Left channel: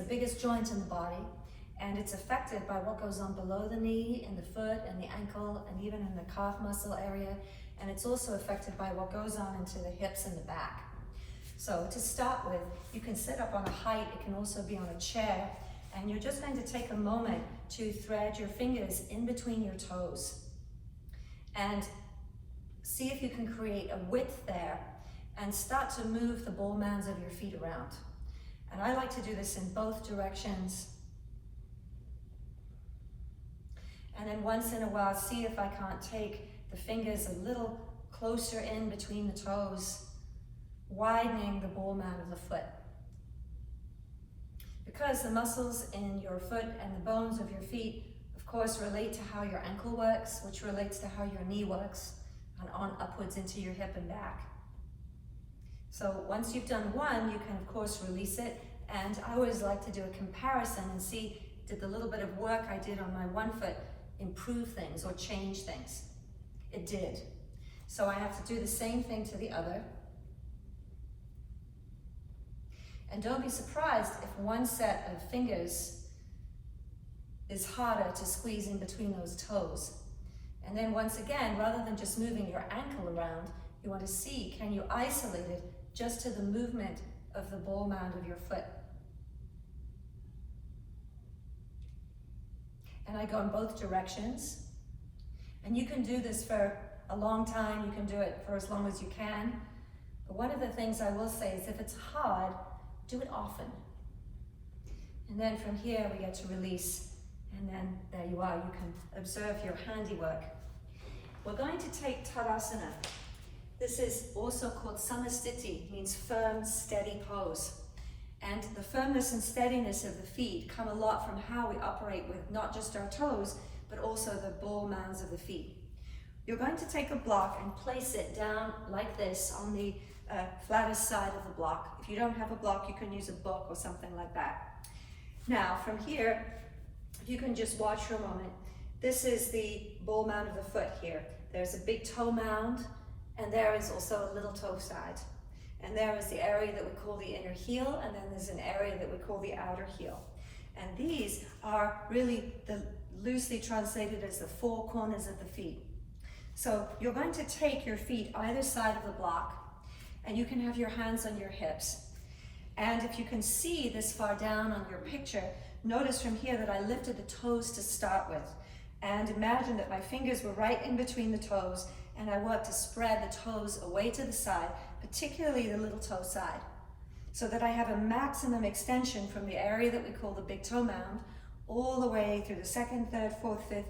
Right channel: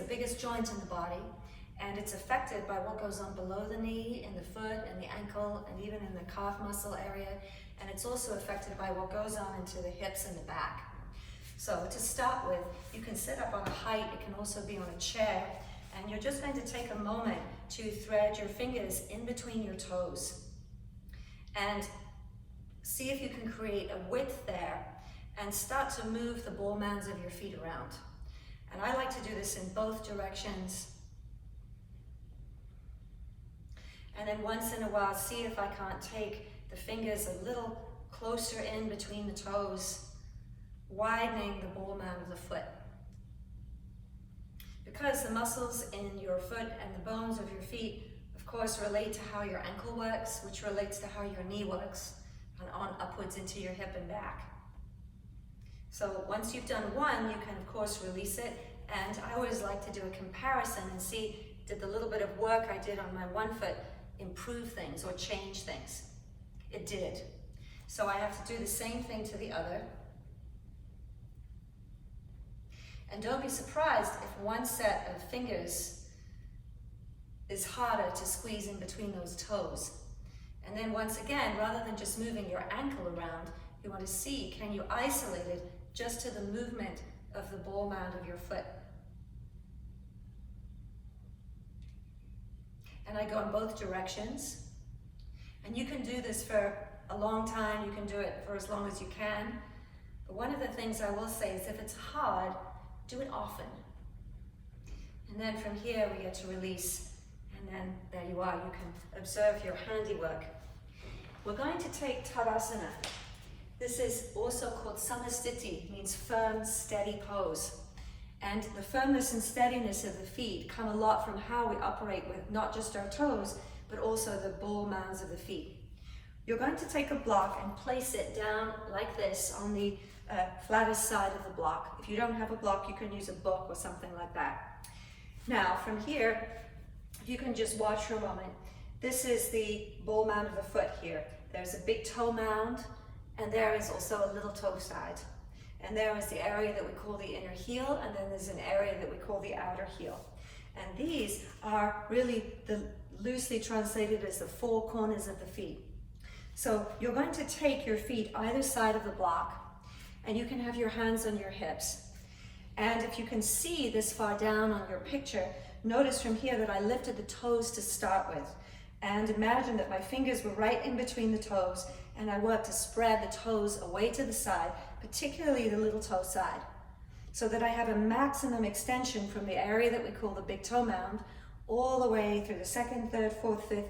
the biggest joint in the body, and it's affected by what goes on below the knee, in the foot, and the ankle, and even in the calf muscle area. And it's also affected by what goes on into the hips and the back. So to start with, you can sit up on a height, it can also be on a chair, and you're just going to take a moment to thread your fingers in between your toes. And see if you can create a width there, and start to move the ball mounds of your feet around. And I like to do this in both directions. And then once in a while, see if I can't take the fingers a little closer in between the toes, widening the ball mound of the foot. Because the muscles in your foot and the bones of your feet, of course, relate to how your ankle works, which relates to how your knee works, and on upwards into your hip and back. So once you've done one, you can of course release it, and I always like to do a comparison and see, did the little bit of work I did on my one foot improve things or change things? It did. So I have to do the same thing to the other. And don't be surprised if one set of fingers is harder to squeeze in between those toes. And then once again, rather than just moving your ankle around, you want to see, can you isolate it just to the movement of the ball mound of your foot? And I go in both directions. And you can do this for a long time, you can do it for as long as you can. But one of the things I will say is if it's hard, do it often. And then from here we get to release, and then there you are, you can observe your handiwork. We're going to take Tadasana. This is also called Samastiti, means firm, steady pose. And the firmness and steadiness of the feet come a lot from how we operate with not just our toes, but also the ball mounds of the feet. You're going to take a block and place it down like this on the flattest side of the block. If you don't have a block, you can use a book or something like that. Now, from here, if you can just watch for a moment, this is the ball mound of the foot here. There's a big toe mound, and there is also a little toe side. And there is the area that we call the inner heel, and then there's an area that we call the outer heel. And these are really loosely translated as the four corners of the feet. So you're going to take your feet either side of the block, and you can have your hands on your hips. And if you can see this far down on your picture, notice from here that I lifted the toes to start with. And imagine that my fingers were right in between the toes, and I worked to spread the toes away to the side, particularly the little toe side, so that I had a maximum extension from the area that we call the big toe mound, all the way through the second, third, fourth, fifth,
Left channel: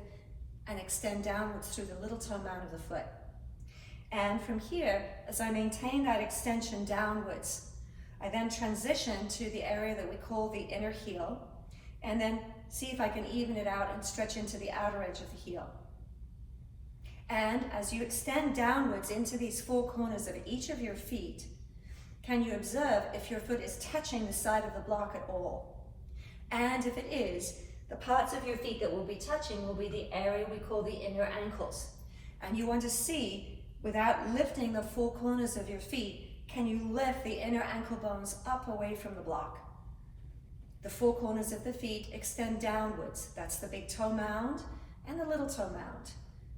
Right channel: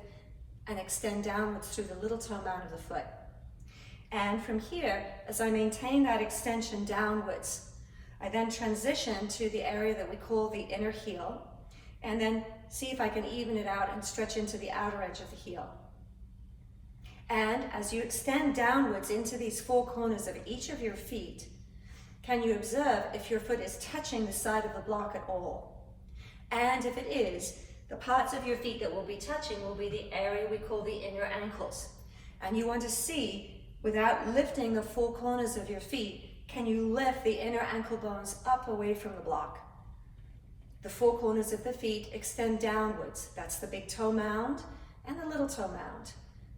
and extend downwards through the little toe mound of the foot. And from here, as I maintain that extension downwards, I then transition to the area that we call the inner heel, and then see if I can even it out and stretch into the outer edge of the heel. And as you extend downwards into these four corners of each of your feet, can you observe if your foot is touching the side of the block at all? And if it is, the parts of your feet that will be touching will be the area we call the inner ankles. And you want to see, without lifting the four corners of your feet, can you lift the inner ankle bones up away from the block? The four corners of the feet extend downwards. That's the big toe mound and the little toe mound.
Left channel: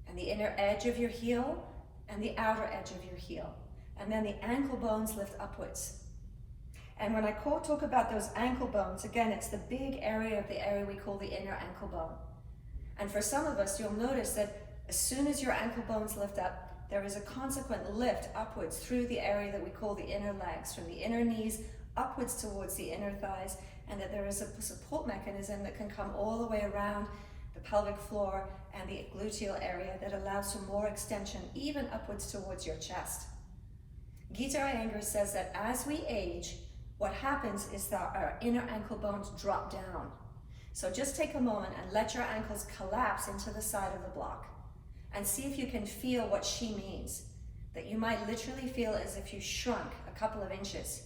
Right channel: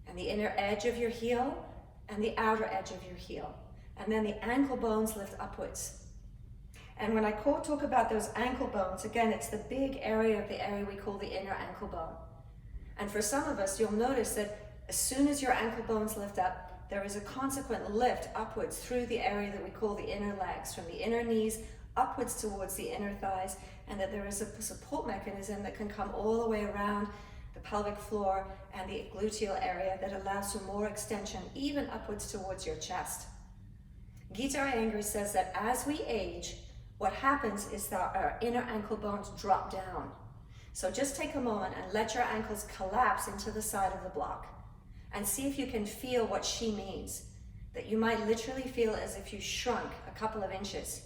And the inner edge of your heel and the outer edge of your heel. And then the ankle bones lift upwards. And when I talk about those ankle bones, again, it's the big area of the area we call the inner ankle bone. And for some of us, you'll notice that as soon as your ankle bones lift up, there is a consequent lift upwards through the area that we call the inner legs, from the inner knees upwards towards the inner thighs, and that there is a support mechanism that can come all the way around the pelvic floor and the gluteal area that allows for more extension, even upwards towards your chest. BKS Iyengar says that as we age, what happens is that our inner ankle bones drop down. So just take a moment and let your ankles collapse into the side of the block and see if you can feel what she means, that you might literally feel as if you shrunk a couple of inches.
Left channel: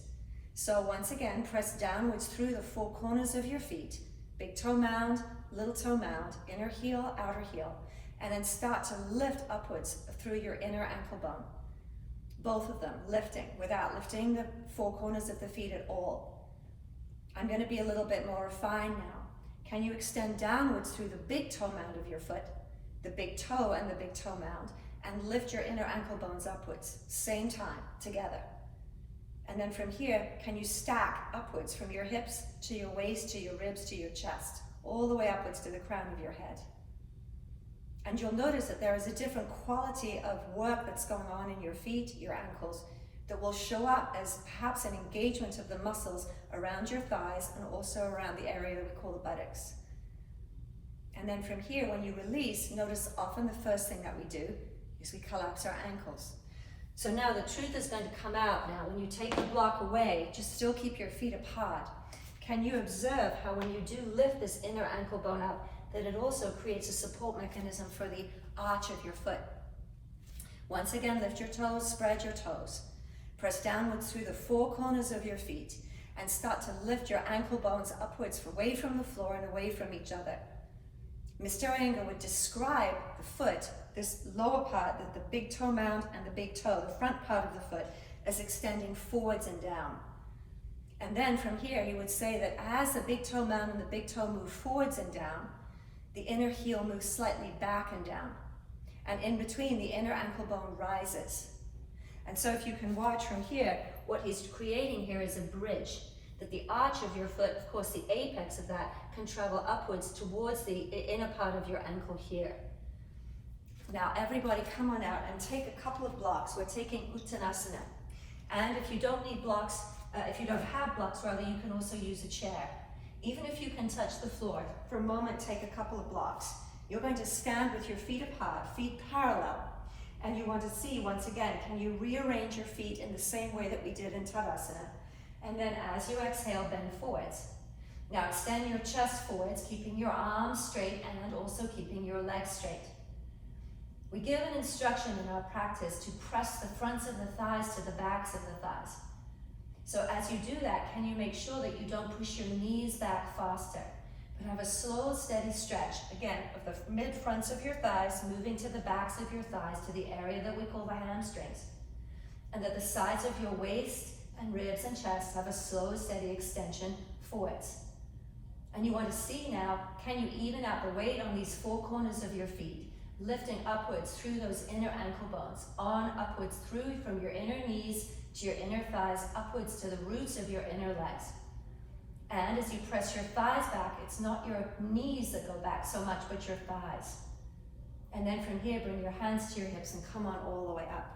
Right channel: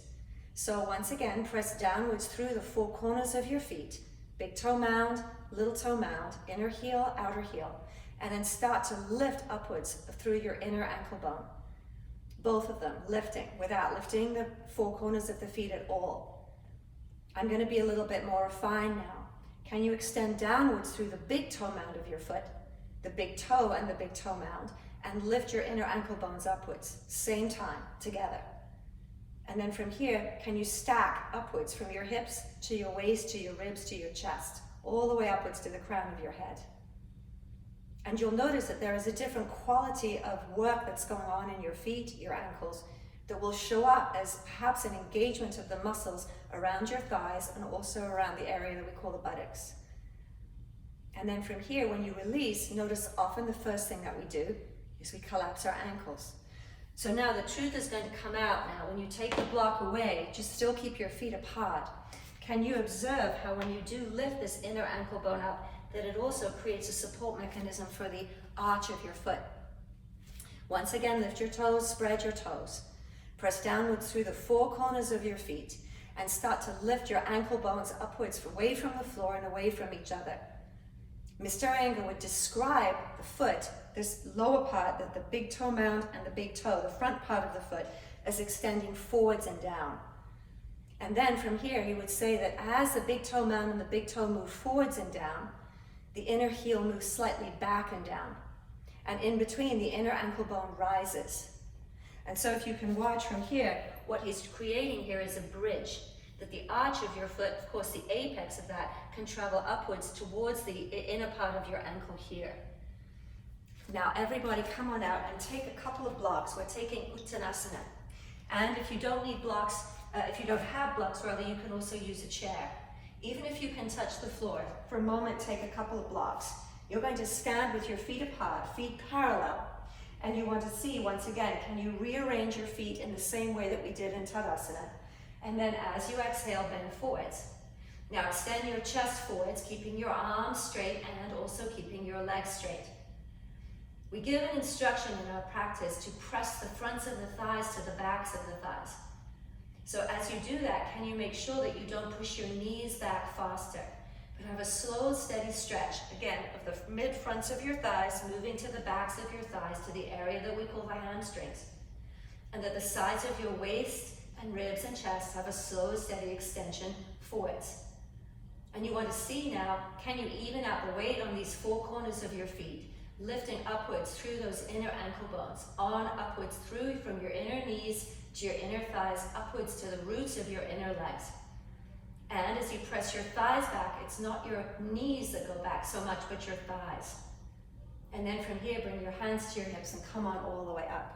So once again, press downwards through the four corners of your feet, big toe mound, little toe mound, inner heel, outer heel, and then start to lift upwards through your inner ankle bone. Both of them lifting, without lifting the four corners of the feet at all. I'm going to be a little bit more refined now. Can you extend downwards through the big toe mound of your foot, the big toe and the big toe mound, and lift your inner ankle bones upwards, same time, together. And then from here, can you stack upwards from your hips to your waist, to your ribs, to your chest, all the way upwards to the crown of your head. And you'll notice that there is a different quality of work that's going on in your feet, your ankles, that will show up as perhaps an engagement of the muscles around your thighs and also around the area that we call the buttocks. And then from here, when you release, notice often the first thing that we do is we collapse our ankles. So now the truth is going to come out now. When you take the block away, just still keep your feet apart. Can you observe how when you do lift this inner ankle bone up, that it also creates a support mechanism for the arch of your foot? Once again, lift your toes, spread your toes. Press downwards through the four corners of your feet and start to lift your ankle bones upwards, away from the floor and away from each other. Mr. Iyengar would describe the foot, this lower part, the big toe mound and the big toe, the front part of the foot, as extending forwards and down. And then from here, he would say that as the big toe mound and the big toe move forwards and down, the inner heel moves slightly back and down. And in between, the inner ankle bone rises. And so if you can watch from here, what he's creating here is a bridge, that the arch of your foot, of course the apex of that, can travel upwards towards the inner part of your ankle here. Now everybody come on out and take a couple of blocks. We're taking Uttanasana. And if you don't need blocks, if you don't have blocks rather, you can also use a chair. Even if you can touch the floor, for a moment take a couple of blocks. You're going to stand with your feet apart, feet parallel. And you want to see, once again, can you rearrange your feet in the same way that we did in Tadasana? And then as you exhale, bend forwards. Now extend your chest forwards, keeping your arms straight and also keeping your legs straight. We give an instruction in our practice to press the fronts of the thighs to the backs of the thighs. So as you do that, can you make sure that you don't push your knees back faster? But have a slow, steady stretch, again, of the mid-fronts of your thighs, moving to the backs of your thighs, to the area that we call the hamstrings. And that the sides of your waist and ribs and chest have a slow, steady extension forwards. And you want to see now, can you even out the weight on these four corners of your feet, lifting upwards through those inner ankle bones, on upwards through from your inner knees to your inner thighs, upwards to the roots of your inner legs. And as you press your thighs back, it's not your knees that go back so much, but your thighs. And then from here, bring your hands to your hips and come on all the way up.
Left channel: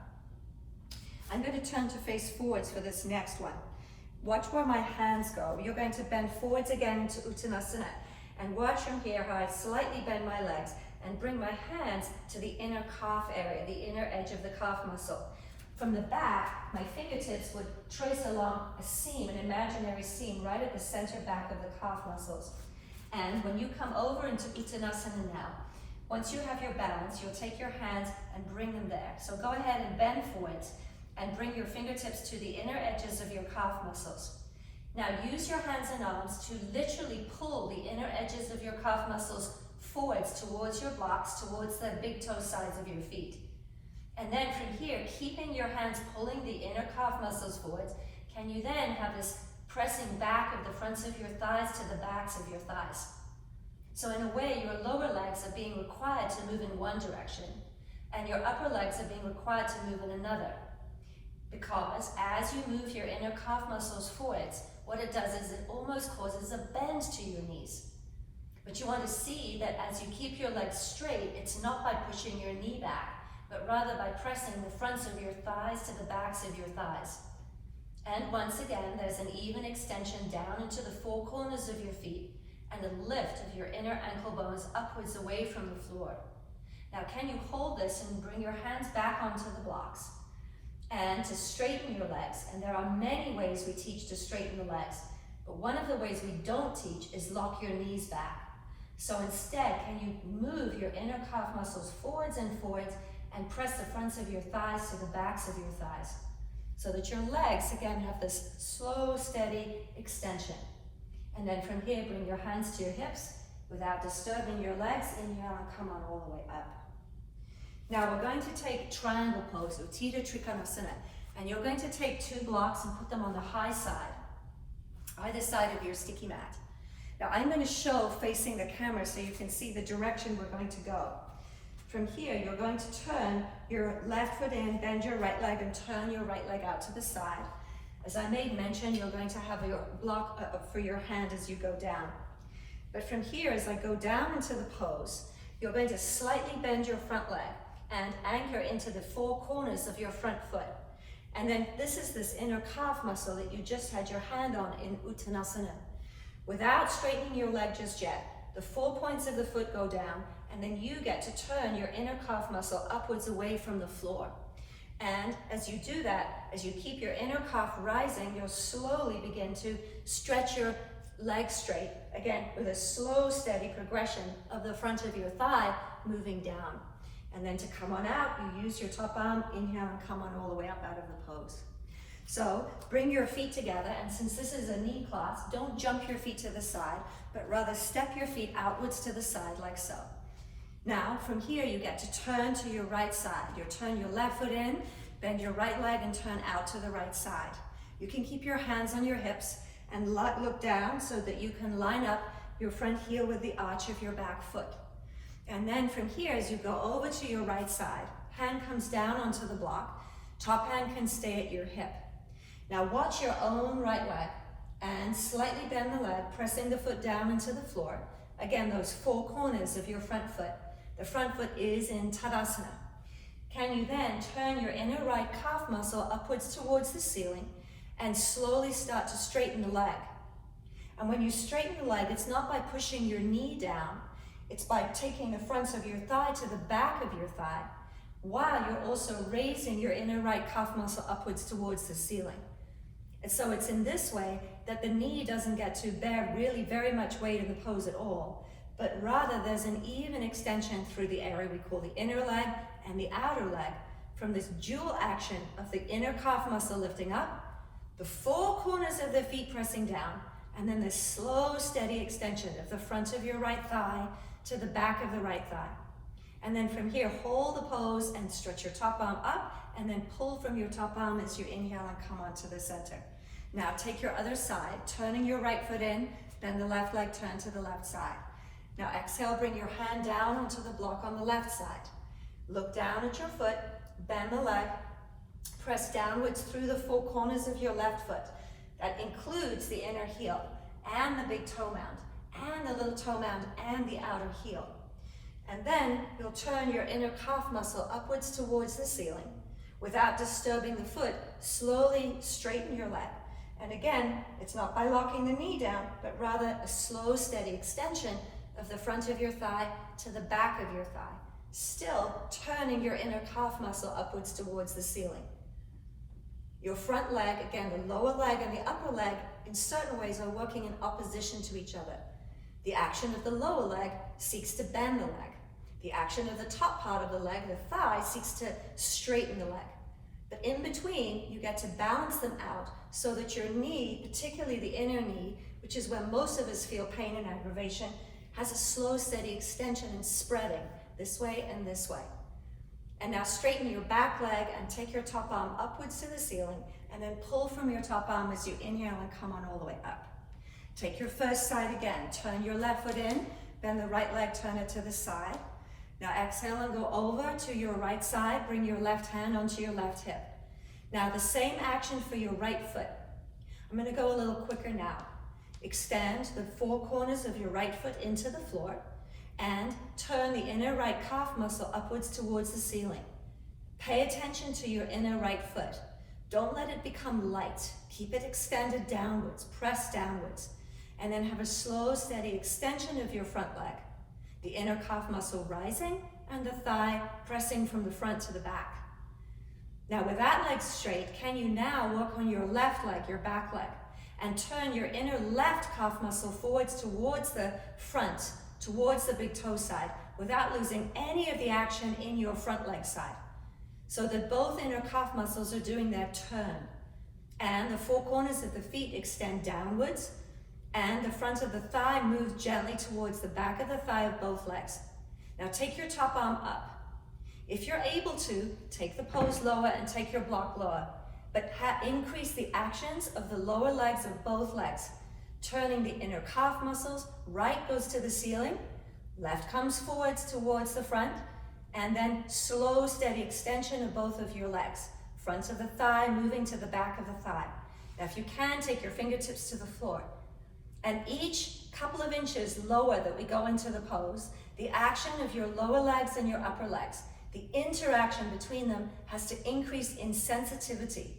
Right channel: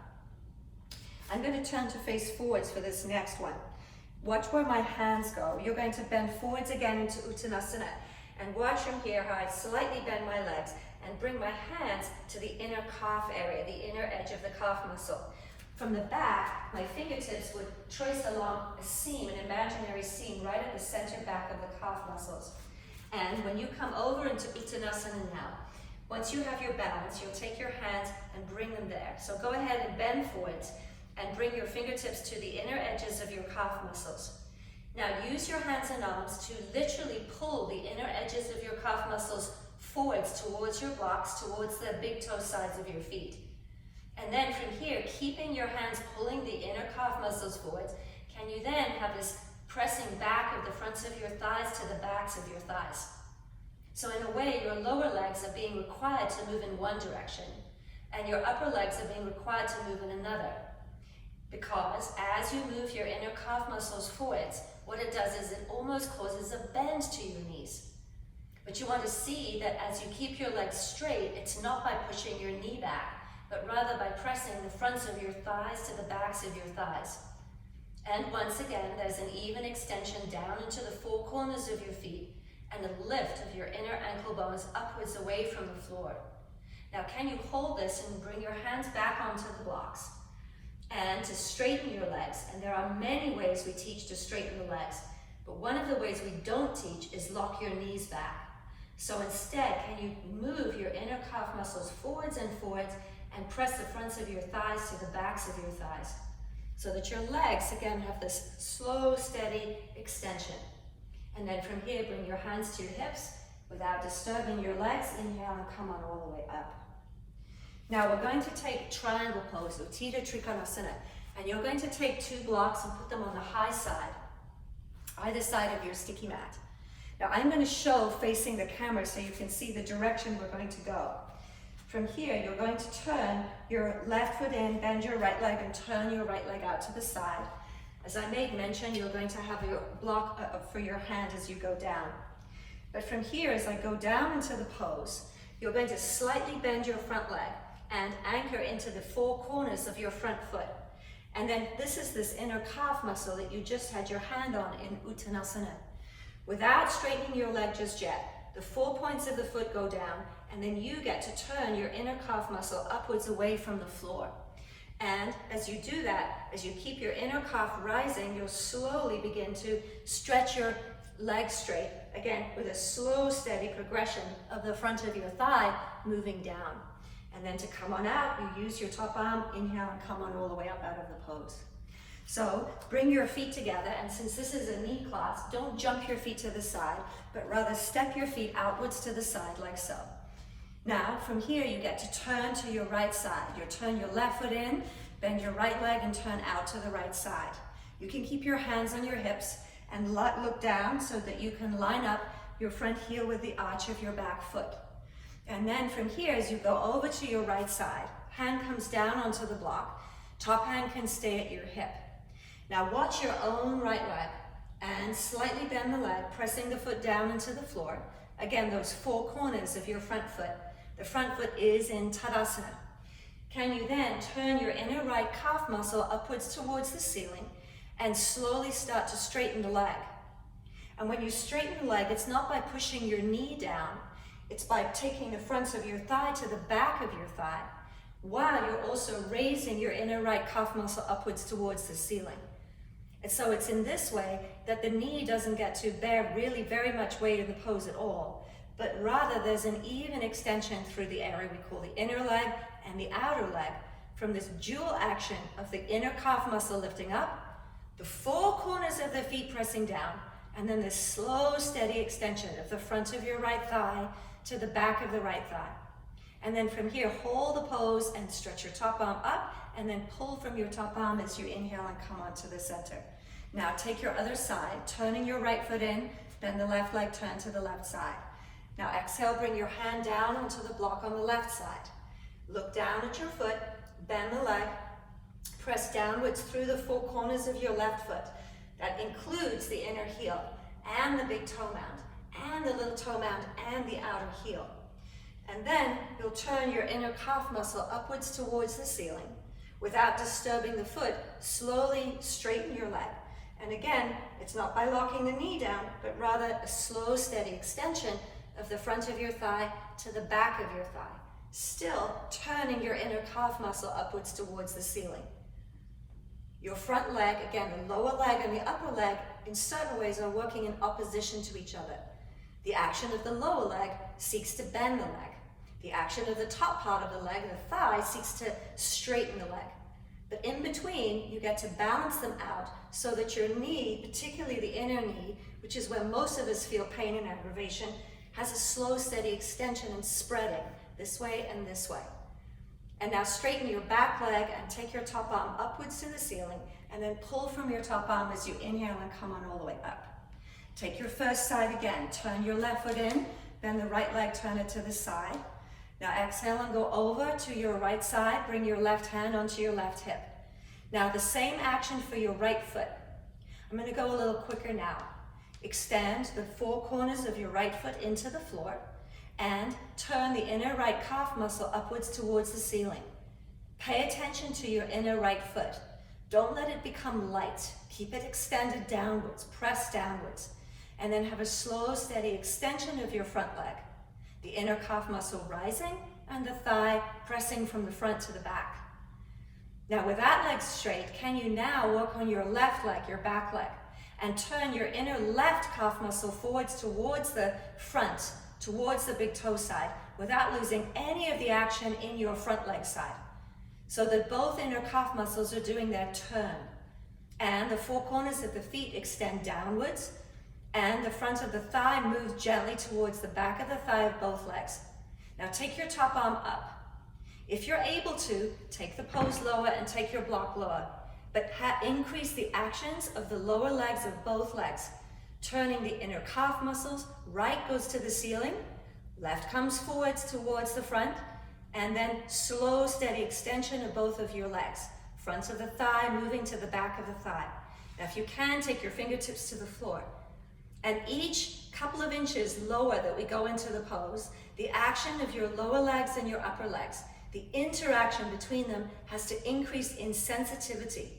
I'm going to turn to face forwards for this next one. Watch where my hands go. You're going to bend forwards again into Uttanasana. And watch from here how I slightly bend my legs and bring my hands to the inner calf area, the inner edge of the calf muscle. From the back, my fingertips would trace along a seam, an imaginary seam, right at the center back of the calf muscles. And when you come over into Uttanasana now, once you have your balance, you'll take your hands and bring them there. So go ahead and bend forwards and bring your fingertips to the inner edges of your calf muscles. Now use your hands and arms to literally pull the inner edges of your calf muscles forwards towards your blocks, towards the big toe sides of your feet. And then from here, keeping your hands pulling the inner calf muscles forwards, can you then have this pressing back of the fronts of your thighs to the backs of your thighs? So in a way, your lower legs are being required to move in one direction, and your upper legs are being required to move in another. Because as you move your inner calf muscles forwards, what it does is it almost causes a bend to your knees. But you want to see that as you keep your legs straight, it's not by pushing your knee back, but rather by pressing the fronts of your thighs to the backs of your thighs. And once again, there's an even extension down into the four corners of your feet and a lift of your inner ankle bones upwards away from the floor. Now, can you hold this and bring your hands back onto the blocks? And to straighten your legs, and there are many ways we teach to straighten the legs, but one of the ways we don't teach is lock your knees back. So instead, can you move your inner calf muscles forwards and forwards and press the fronts of your thighs to the backs of your thighs, so that your legs, again, have this slow, steady extension. And then from here, bring your hands to your hips without disturbing your legs. Inhale and come on all the way up. Now we're going to take triangle pose, Trikonasana, and you're going to take two blocks and put them on the high side either side of your sticky mat. Now I'm going to show facing the camera so you can see the direction we're going to go. From here, you're going to turn your left foot in, bend your right leg, and turn your right leg out to the side. As I made mention, you're going to have a block for your hand as you go down. But from here, as I go down into the pose, you're going to slightly bend your front leg and anchor into the four corners of your front foot. And then this is this inner calf muscle that you just had your hand on in Uttanasana. Without straightening your leg just yet, the 4 points of the foot go down, and then you get to turn your inner calf muscle upwards away from the floor. And as you do that, as you keep your inner calf rising, you'll slowly begin to stretch your leg straight, again, with a slow, steady progression of the front of your thigh moving down. And then to come on out, you use your top arm, inhale, and come on all the way up out of the pose. So bring your feet together, and since this is a knee class, don't jump your feet to the side, but rather step your feet outwards to the side like so. Now, from here, you get to turn to your right side. You turn your left foot in, bend your right leg, and turn out to the right side. You can keep your hands on your hips and look down so that you can line up your front heel with the arch of your back foot. And then from here, as you go over to your right side, hand comes down onto the block, top hand can stay at your hip. Now watch your own right leg and slightly bend the leg, pressing the foot down into the floor. Again, those four corners of your front foot. The front foot is in Tadasana. Can you then turn your inner right calf muscle upwards towards the ceiling and slowly start to straighten the leg? And when you straighten the leg, it's not by pushing your knee down, it's by taking the front of your thigh to the back of your thigh, while you're also raising your inner right calf muscle upwards towards the ceiling. And so it's in this way that the knee doesn't get to bear really very much weight in the pose at all, but rather there's an even extension through the area we call the inner leg and the outer leg, from this dual action of the inner calf muscle lifting up, the four corners of the feet pressing down, and then this slow, steady extension of the front of your right thigh to the back of the right thigh. And then from here, hold the pose and stretch your top arm up, and then pull from your top arm as you inhale and come onto the center. Now take your other side, turning your right foot in, bend the left leg, turn to the left side. Now exhale, bring your hand down onto the block on the left side. Look down at your foot, bend the leg, press downwards through the four corners of your left foot. That includes the inner heel and the big toe mound and the little toe mound and the outer heel. And then you'll turn your inner calf muscle upwards towards the ceiling. Without disturbing the foot, slowly straighten your leg. And again, it's not by locking the knee down, but rather a slow, steady extension of the front of your thigh to the back of your thigh. Still turning your inner calf muscle upwards towards the ceiling. Your front leg, again, the lower leg and the upper leg, in certain ways are working in opposition to each other. The action of the lower leg seeks to bend the leg. The action of the top part of the leg, the thigh, seeks to straighten the leg. But in between, you get to balance them out so that your knee, particularly the inner knee, which is where most of us feel pain and aggravation, has a slow, steady extension and spreading this way and this way. And now straighten your back leg and take your top arm upwards to the ceiling, and then pull from your top arm as you inhale and come on all the way up. Take your first side again. Turn your left foot in, bend the right leg, turn it to the side. Now exhale and go over to your right side. Bring your left hand onto your left hip. Now the same action for your right foot. I'm going to go a little quicker now. Extend the four corners of your right foot into the floor and turn the inner right calf muscle upwards towards the ceiling. Pay attention to your inner right foot. Don't let it become light. Keep it extended downwards, press downwards, and then have a slow, steady extension of your front leg. The inner calf muscle rising and the thigh pressing from the front to the back. Now with that leg straight, can you now work on your left leg, your back leg, and turn your inner left calf muscle forwards towards the front, towards the big toe side, without losing any of the action in your front leg side, so that both inner calf muscles are doing their turn. And the four corners of the feet extend downwards, and the front of the thigh moves gently towards the back of the thigh of both legs. Now take your top arm up. If you're able to, take the pose lower and take your block lower, but increase the actions of the lower legs of both legs turning the inner calf muscles. Right goes to the ceiling, left comes forwards towards the front, and then slow, steady extension of both of your legs. Front of the thigh moving to the back of the thigh. Now if you can, take your fingertips to the floor. And each couple of inches lower that we go into the pose, the action of your lower legs and your upper legs, the interaction between them has to increase in sensitivity.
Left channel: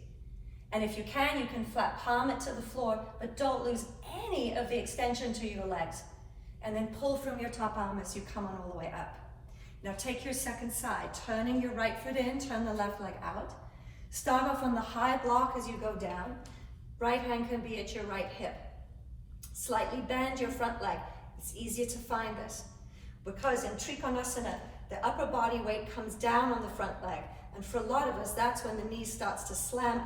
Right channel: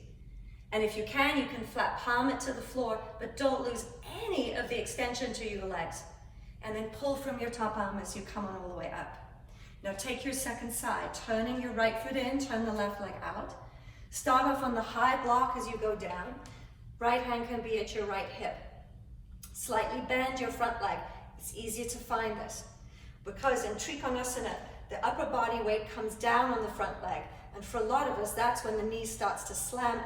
And if you can flat palm it to the floor, but don't lose any of the extension to your legs. And then pull from your top arm as you come on all the way up. Now take your second side, turning your right foot in, turn the left leg out. Start off on the high block as you go down. Right hand can be at your right hip. Slightly bend your front leg. It's easier to find this. Because in Trikonasana, the upper body weight comes down on the front leg. And for a lot of us, that's when the knee starts to slam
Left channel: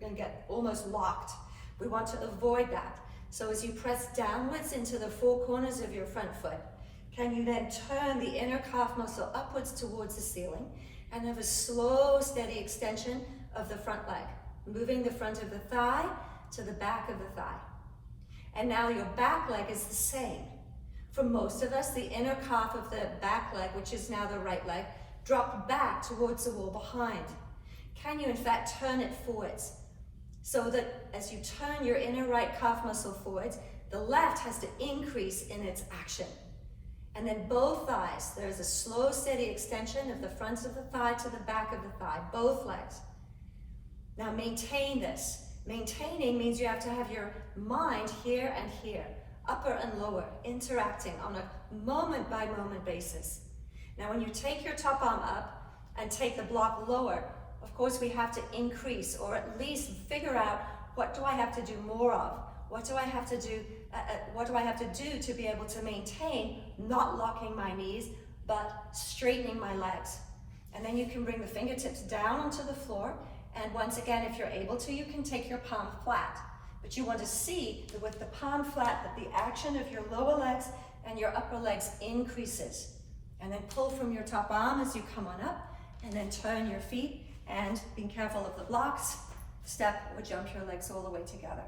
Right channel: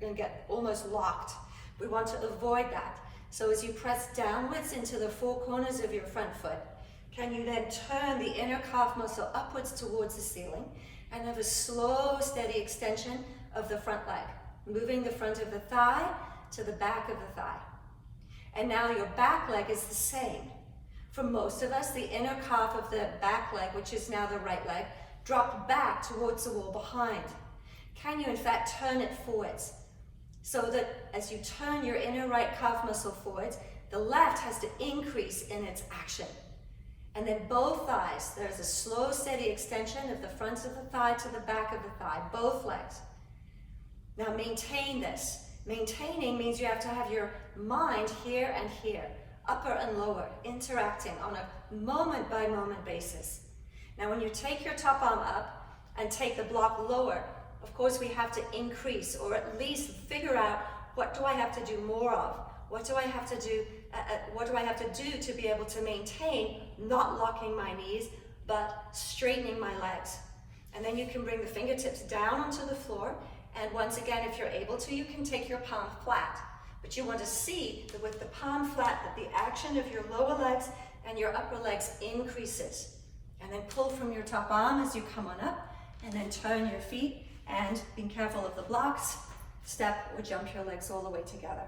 and get almost locked. We want to avoid that. So as you press downwards into the four corners of your front foot, can you then turn the inner calf muscle upwards towards the ceiling and have a slow, steady extension of the front leg, moving the front of the thigh to the back of the thigh. And now your back leg is the same. For most of us, the inner calf of the back leg, which is now the right leg, dropped back towards the wall behind. Can you in fact turn it forwards? So that as you turn your inner right calf muscle forwards, the left has to increase in its action. And then both thighs, there's a slow, steady extension of the front of the thigh to the back of the thigh, both legs. Now maintain this. Maintaining means you have to have your mind here and here, upper and lower, interacting on a moment by moment basis. Now when you take your top arm up and take the block lower, of course we have to increase, or at least figure out, what do I have to do more of? What do I have to do? What do I have to do to be able to maintain not locking my knees, but straightening my legs? And then you can bring the fingertips down onto the floor. And once again, if you're able to, you can take your palm flat. But you want to see that with the palm flat, that the action of your lower legs and your upper legs increases. And then pull from your top arm as you come on up, and then turn your feet, and being careful of the blocks, step or jump your legs all the way together.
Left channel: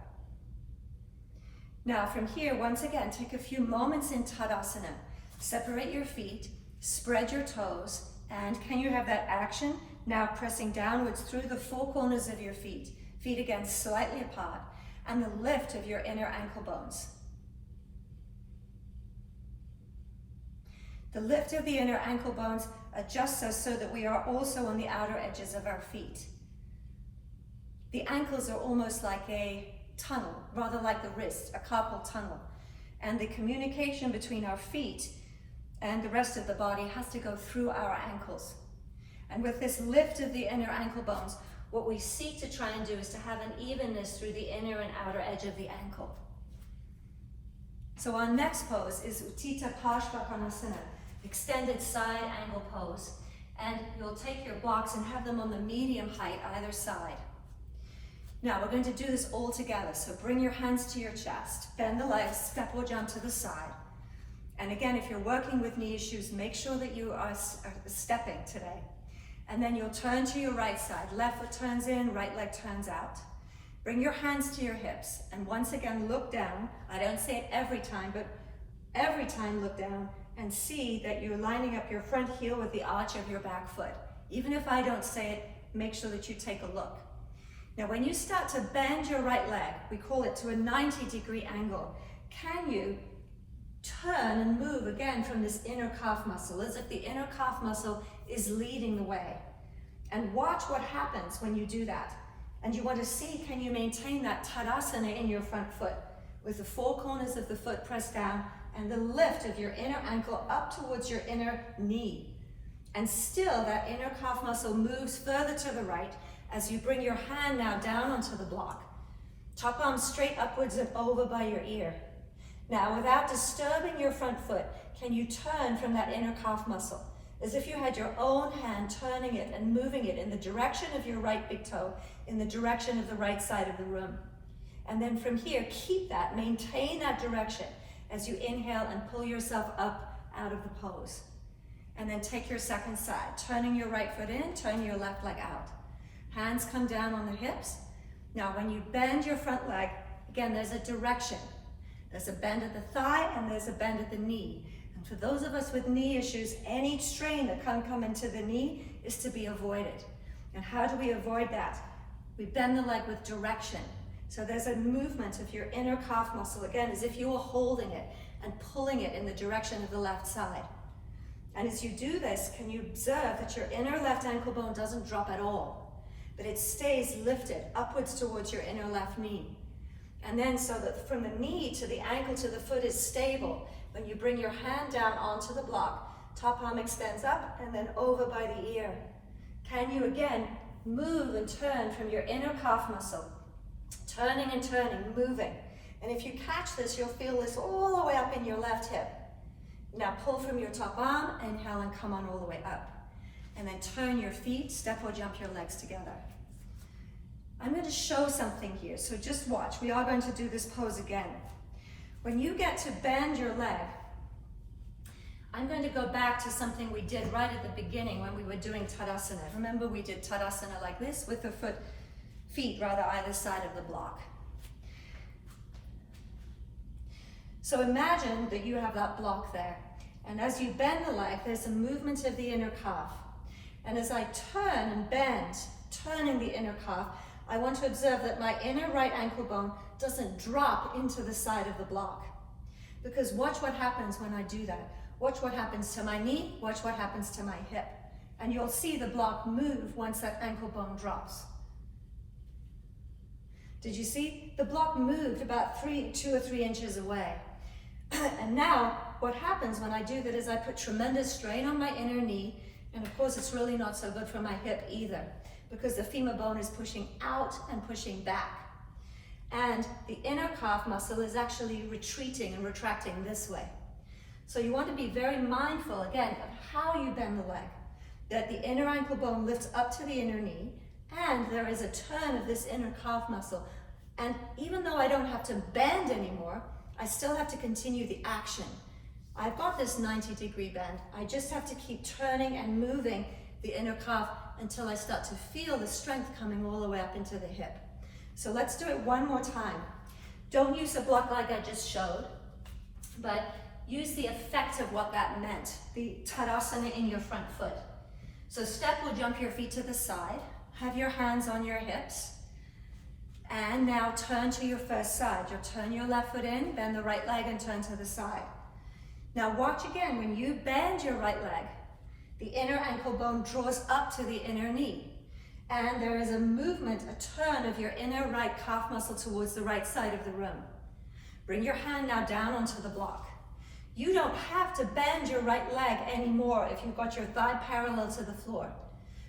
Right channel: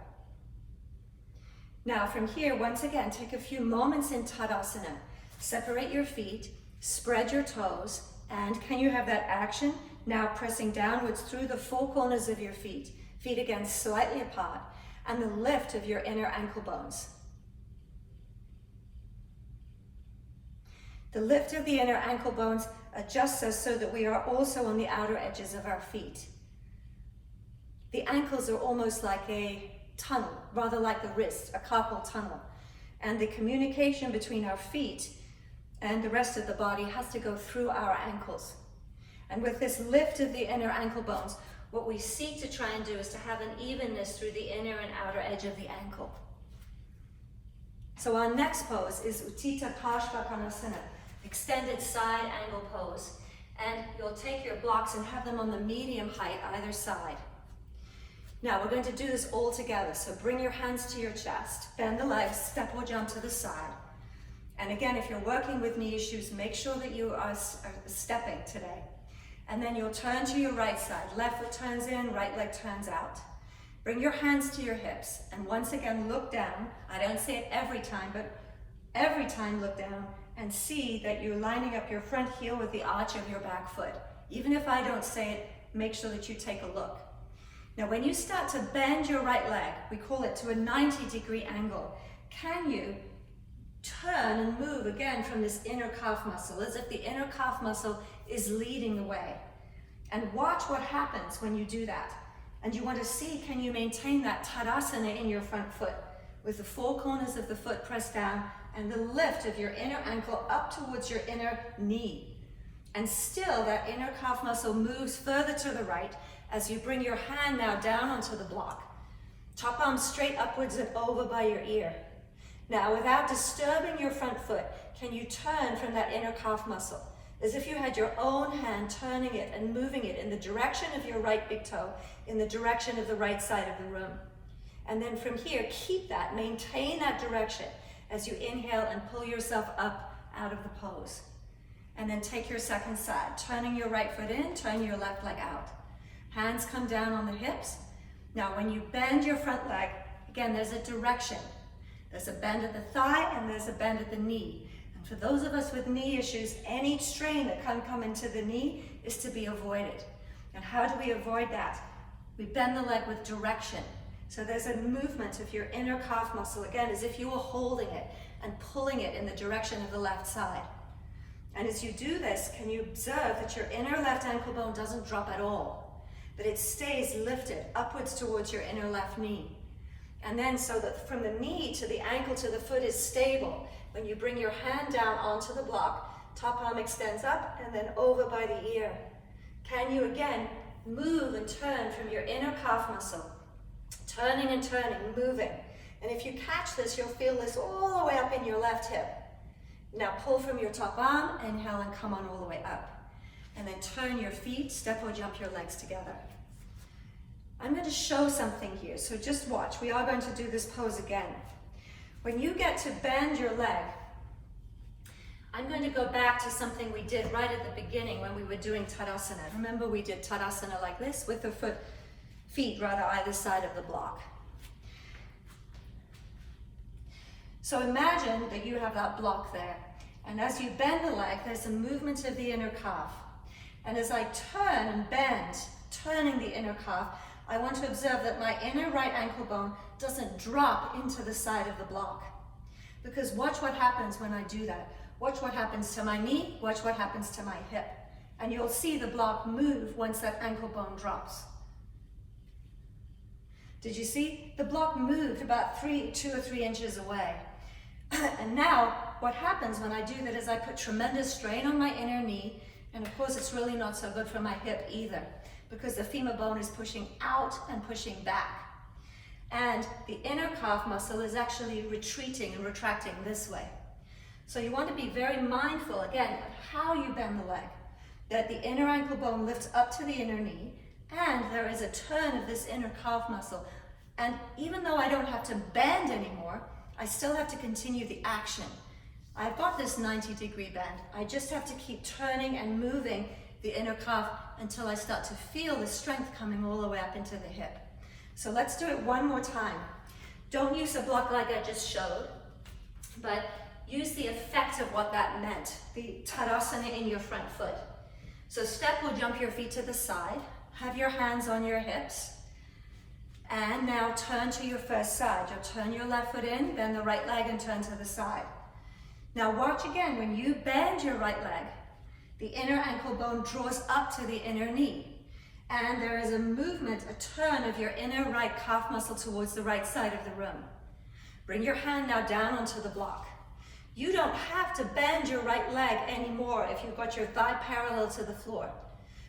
Now from here, once again, take a few moments in Tadasana. Separate your feet, spread your toes, and can you have that action? Now pressing downwards through the four corners of your feet. Feet again slightly apart, and the lift of your inner ankle bones. The lift of the inner ankle bones adjusts us so that we are also on the outer edges of our feet. The ankles are almost like a tunnel, rather like the wrist, a carpal tunnel. And the communication between our feet and the rest of the body has to go through our ankles. And with this lift of the inner ankle bones, what we seek to try and do is to have an evenness through the inner and outer edge of the ankle. So our next pose is Uttanasana, extended side angle pose. And you'll take your blocks and have them on the medium height either side. Now we're going to do this all together. So bring your hands to your chest, bend the legs, step or jump to the side. And again, if you're working with knee issues, make sure that you are stepping today. And then you'll turn to your right side. Left foot turns in, right leg turns out. Bring your hands to your hips. And once again, look down. I don't say it every time, but every time look down and see that you're lining up your front heel with the arch of your back foot. Even if I don't say it, make sure that you take a look. Now, when you start to bend your right leg, we call it to a 90-degree angle. Can you turn and move again from this inner calf muscle, as if the inner calf muscle is leading the way? And watch what happens when you do that. And you want to see, can you maintain that Tadasana in your front foot with the four corners of the foot pressed down and the lift of your inner ankle up towards your inner knee. And still that inner calf muscle moves further to the right as you bring your hand now down onto the block. Top arm straight upwards and over by your ear. Now, without disturbing your front foot, can you turn from that inner calf muscle as if you had your own hand turning it and moving it in the direction of your right big toe, in the direction of the right side of the room. And then from here, keep that, maintain that direction as you inhale and pull yourself up out of the pose. And then take your second side, turning your right foot in, turn your left leg out. Hands come down on the hips. Now when you bend your front leg, again, there's a direction. There's a bend at the thigh and there's a bend at the knee. And for those of us with knee issues, any strain that can come into the knee is to be avoided. And how do we avoid that? We bend the leg with direction. So there's a movement of your inner calf muscle, again, as if you were holding it and pulling it in the direction of the left side. And as you do this, can you observe that your inner left ankle bone doesn't drop at all, but it stays lifted upwards towards your inner left knee. And then so that from the knee to the ankle to the foot is stable. When you bring your hand down onto the block, top arm extends up and then over by the ear. Can you again move and turn from your inner calf muscle? Turning and turning, moving. And if you catch this, you'll feel this all the way up in your left hip. Now pull from your top arm, inhale and come on all the way up. And then turn your feet, step or jump your legs together. I'm going to show something here, so just watch. We are going to do this pose again. When you get to bend your leg, I'm going to go back to something we did right at the beginning when we were doing Tadasana. Remember we did Tadasana like this with the feet either side of the block. So imagine that you have that block there, and as you bend the leg, there's a movement of the inner calf. And as I turn and bend, turning the inner calf, I want to observe that my inner right ankle bone doesn't drop into the side of the block. Because watch what happens when I do that. Watch what happens to my knee, watch what happens to my hip. And you'll see the block move once that ankle bone drops. Did you see? The block moved about 2 or 3 inches away. And now, what happens when I do that is I put tremendous strain on my inner knee, and of course it's really not so good for my hip either, because the femur bone is pushing out and pushing back. And the inner calf muscle is actually retreating and retracting this way. So you want to be very mindful, again, of how you bend the leg, that the inner ankle bone lifts up to the inner knee, and there is a turn of this inner calf muscle. And even though I don't have to bend anymore, I still have to continue the action. I've got this 90-degree bend. I just have to keep turning and moving the inner calf until I start to feel the strength coming all the way up into the hip. So let's do it one more time. Don't use a block like I just showed, but use the effect of what that meant, the Tadasana in your front foot. So step or jump your feet to the side, have your hands on your hips, and now turn to your first side. You'll turn your left foot in, bend the right leg and turn to the side. Now watch again, when you bend your right leg, the inner ankle bone draws up to the inner knee. And there is a movement, a turn of your inner right calf muscle towards the right side of the room. Bring your hand now down onto the block. You don't have to bend your right leg anymore if you've got your thigh parallel to the floor.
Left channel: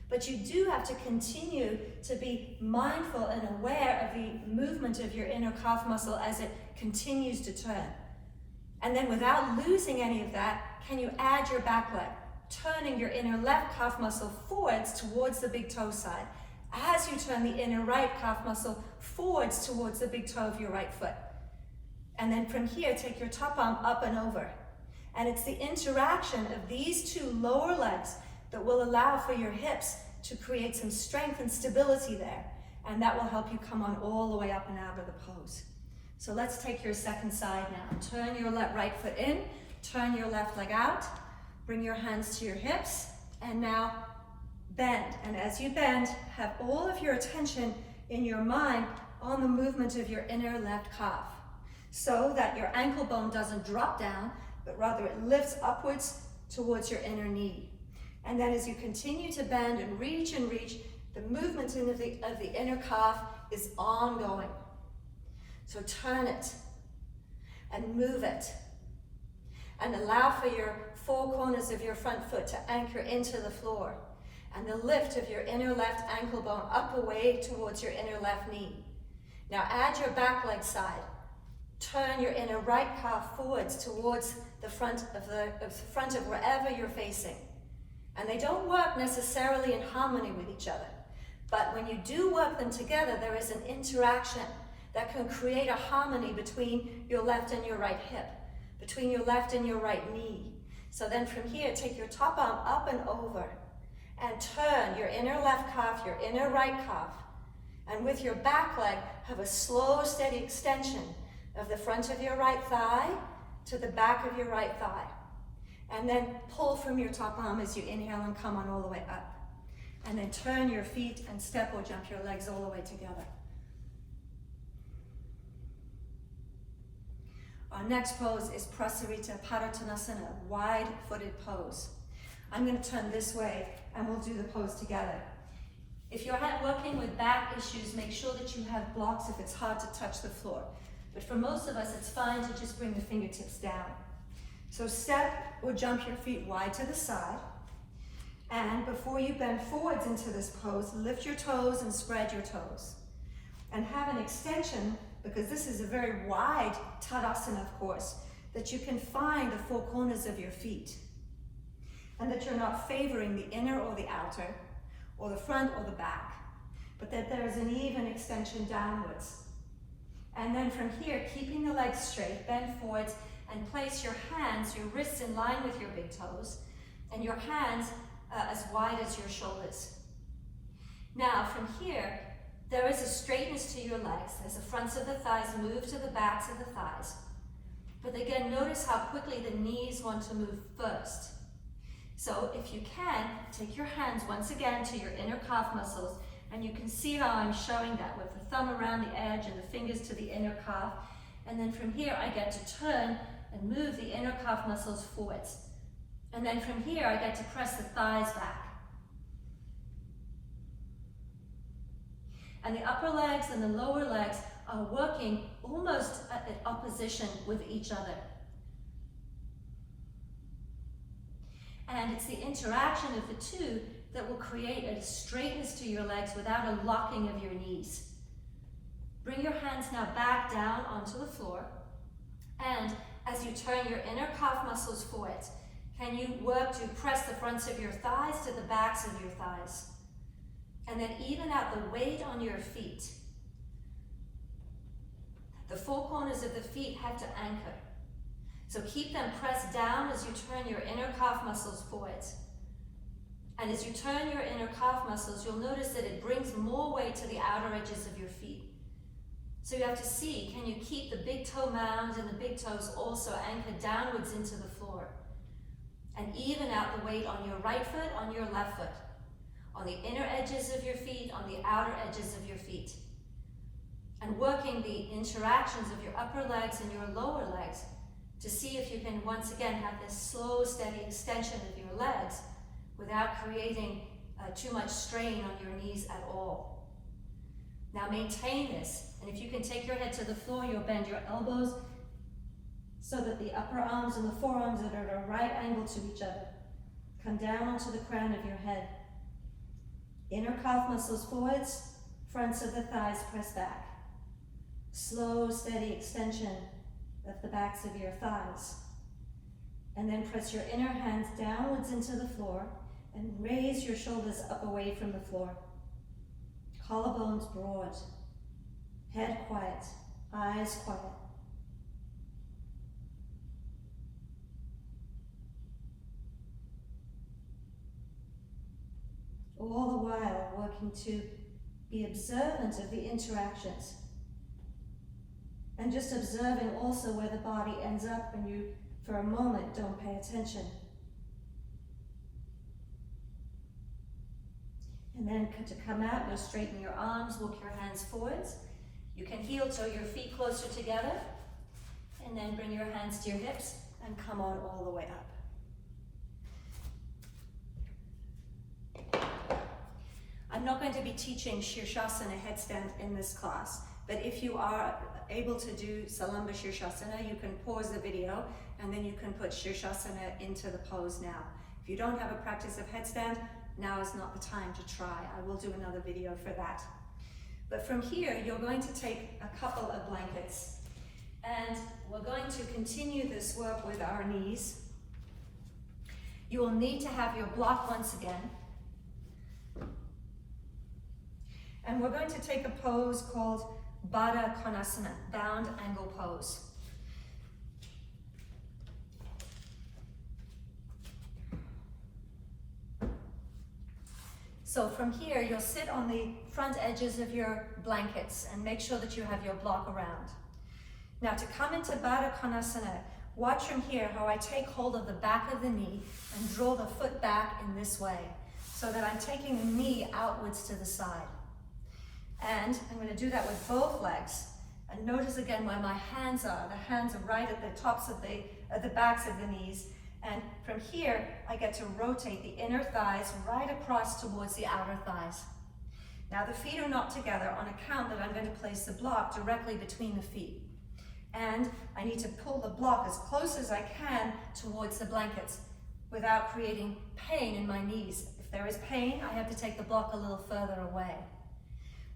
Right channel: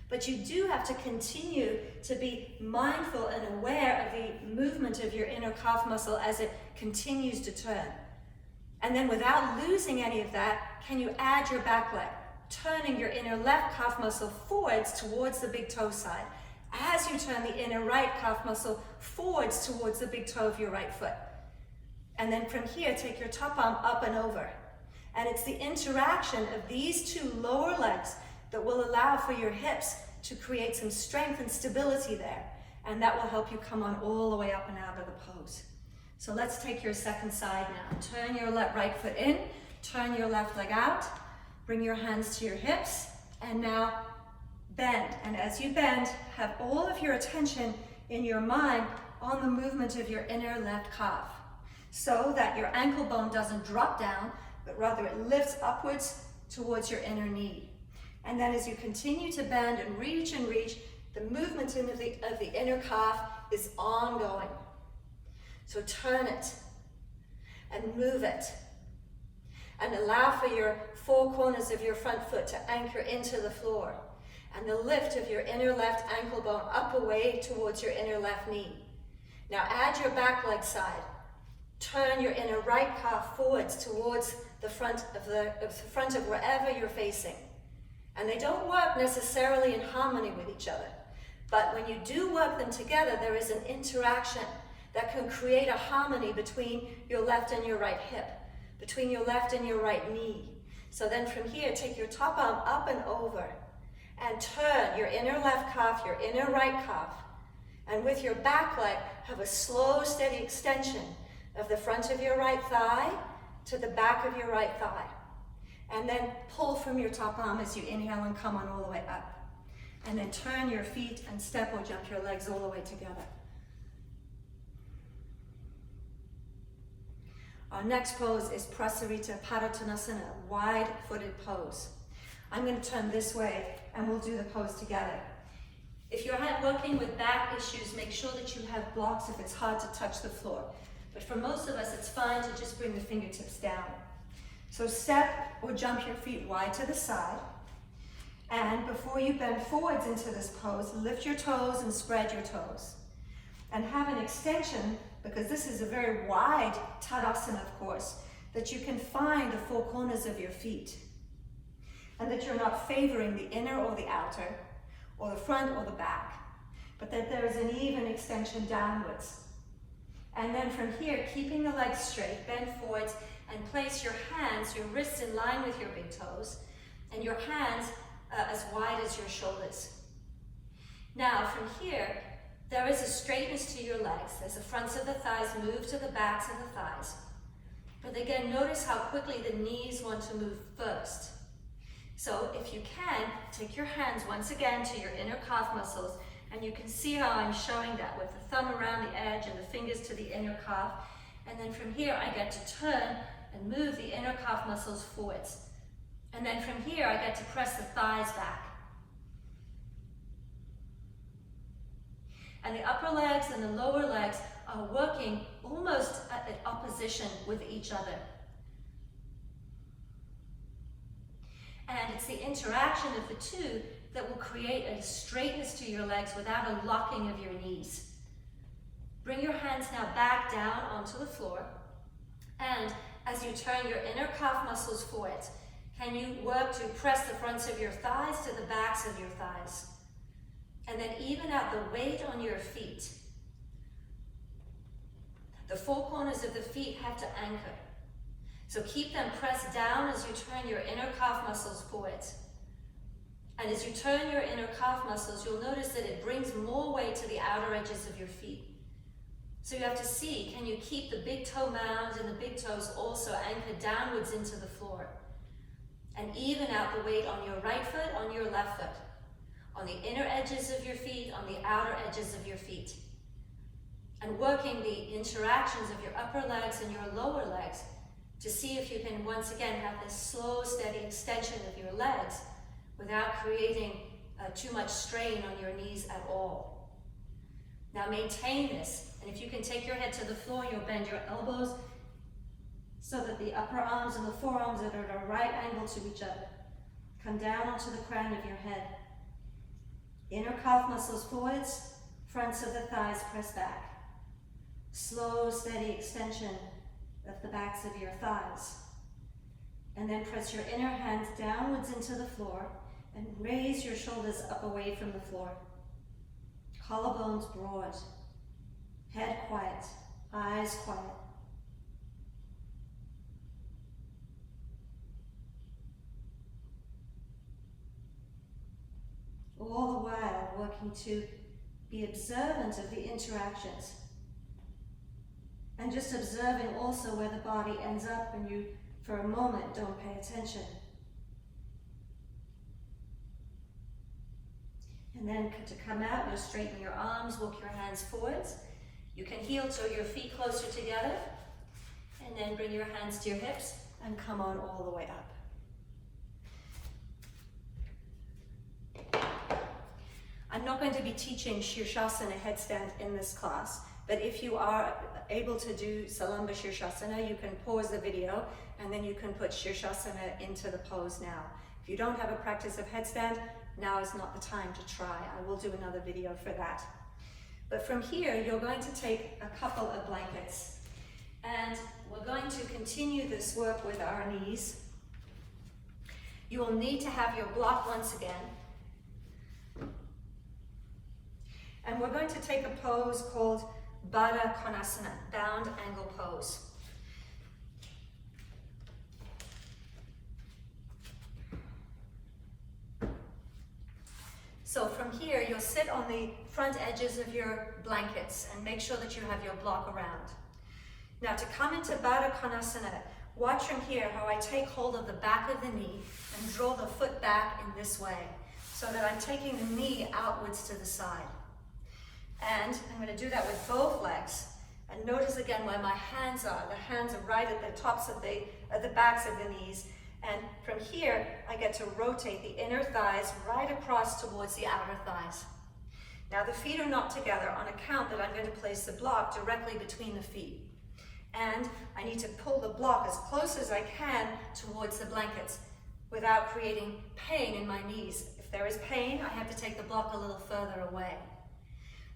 But you do have to continue to be mindful and aware of the movement of your inner calf muscle as it continues to turn. And then without losing any of that, can you add your back leg, turning your inner left calf muscle forwards towards the big toe side, as you turn the inner right calf muscle forwards towards the big toe of your right foot. And then from here, take your top arm up and over. And it's the interaction of these two lower legs that will allow for your hips to create some strength and stability there. And that will help you come on all the way up and out of the pose. So let's take your second side now. Turn your right foot in, turn your left leg out, bring your hands to your hips, and now bend. And as you bend, have all of your attention in your mind on the movement of your inner left calf, so that your ankle bone doesn't drop down, but rather it lifts upwards towards your inner knee. And then as you continue to bend and reach, the movement of the inner calf is ongoing. So turn it and move it. And allow for your 4 corners of your front foot to anchor into the floor. And the lift of your inner left ankle bone up away towards your inner left knee. Now add your back leg side. Turn your inner right calf forwards towards the front of wherever you're facing. And they don't work necessarily in harmony with each other. But when you do work them together, there is an interaction that can create a harmony between your left and your right hip, between your left and your right knee. So then from here, take your top arm up and over and turn your inner left calf, your inner right calf. And with your back leg, have a slow, steady extension of the front of your right thigh to the back of your right thigh. And then pull from your top arm as you inhale and come on all the way up. And then turn your feet and step or jump your legs all the way together. Our next pose is Prasarita Padottanasana, wide-footed pose. I'm going to turn this way and we'll do the pose together. If you're working with back issues, make sure that you have blocks if it's hard to touch the floor. But for most of us, it's fine to just bring the fingertips down. So step or jump your feet wide to the side. And before you bend forwards into this pose, lift your toes and spread your toes. And have an extension, because this is a very wide Tadasana, of course, that you can find the four corners of your feet. And that you're not favoring the inner or the outer, or the front or the back, but that there is an even extension downwards. And then from here, keeping the legs straight, bend forwards, and place your hands, your wrists in line with your big toes, and your hands as wide as your shoulders. Now, from here, there is a straightness to your legs as the fronts of the thighs move to the backs of the thighs. But again, notice how quickly the knees want to move first. So if you can, take your hands once again to your inner calf muscles, and you can see how I'm showing that with the thumb around the edge and the fingers to the inner calf. And then from here, I get to turn and move the inner calf muscles forwards. And then from here, I get to press the thighs back. And the upper legs and the lower legs are working almost at opposition with each other. And it's the interaction of the two that will create a straightness to your legs without a locking of your knees. Bring your hands now back down onto the floor. And as you turn your inner calf muscles forward, can you work to press the fronts of your thighs to the backs of your thighs? And then even out the weight on your feet. The four corners of the feet have to anchor. So keep them pressed down as you turn your inner calf muscles forward. And as you turn your inner calf muscles, you'll notice that it brings more weight to the outer edges of your feet. So you have to see, can you keep the big toe mound and the big toes also anchored downwards into the floor? And even out the weight on your right foot, on your left foot, on the inner edges of your feet, on the outer edges of your feet. And working the interactions of your upper legs and your lower legs to see if you can once again have this slow, steady extension of your legs without creating too much strain on your knees at all. Now maintain this, and if you can take your head to the floor, you'll bend your elbows so that the upper arms and the forearms are at a right angle to each other. Come down onto the crown of your head. Inner calf muscles forwards, fronts of the thighs press back. Slow, steady extension of the backs of your thighs. And then press your inner hands downwards into the floor and raise your shoulders up away from the floor. Collarbones broad, head quiet, eyes quiet. All the while working to be observant of the interactions. And just observing also where the body ends up when you, for a moment, don't pay attention. And then to come out, you'll straighten your arms, walk your hands forwards. You can heel toe your feet closer together. And then bring your hands to your hips and come on all the way up. I'm not going to be teaching Virasana headstand in this class, but if you are able to do Salamba Virasana, you can pause the video and then you can put Virasana into the pose now. If you don't have a practice of headstand, now is not the time to try. I will do another video for that. But from here, you're going to take a couple of blankets and we're going to continue this work with our knees. You will need to have your block once again. And we're going to take a pose called Baddha Konasana, bound angle pose. So from here, you'll sit on the front edges of your blankets and make sure that you have your block around. Now to come into Baddha Konasana, watch from here how I take hold of the back of the knee and draw the foot back in this way, so that I'm taking the knee outwards to the side. And I'm going to do that with both legs. And notice again where my hands are. The hands are right at the tops of the backs of the knees. And from here, I get to rotate the inner thighs right across towards the outer thighs. Now the feet are not together on account that I'm going to place the block directly between the feet. And I need to pull the block as close as I can towards the blankets without creating pain in my knees. If there is pain, I have to take the block a little further away.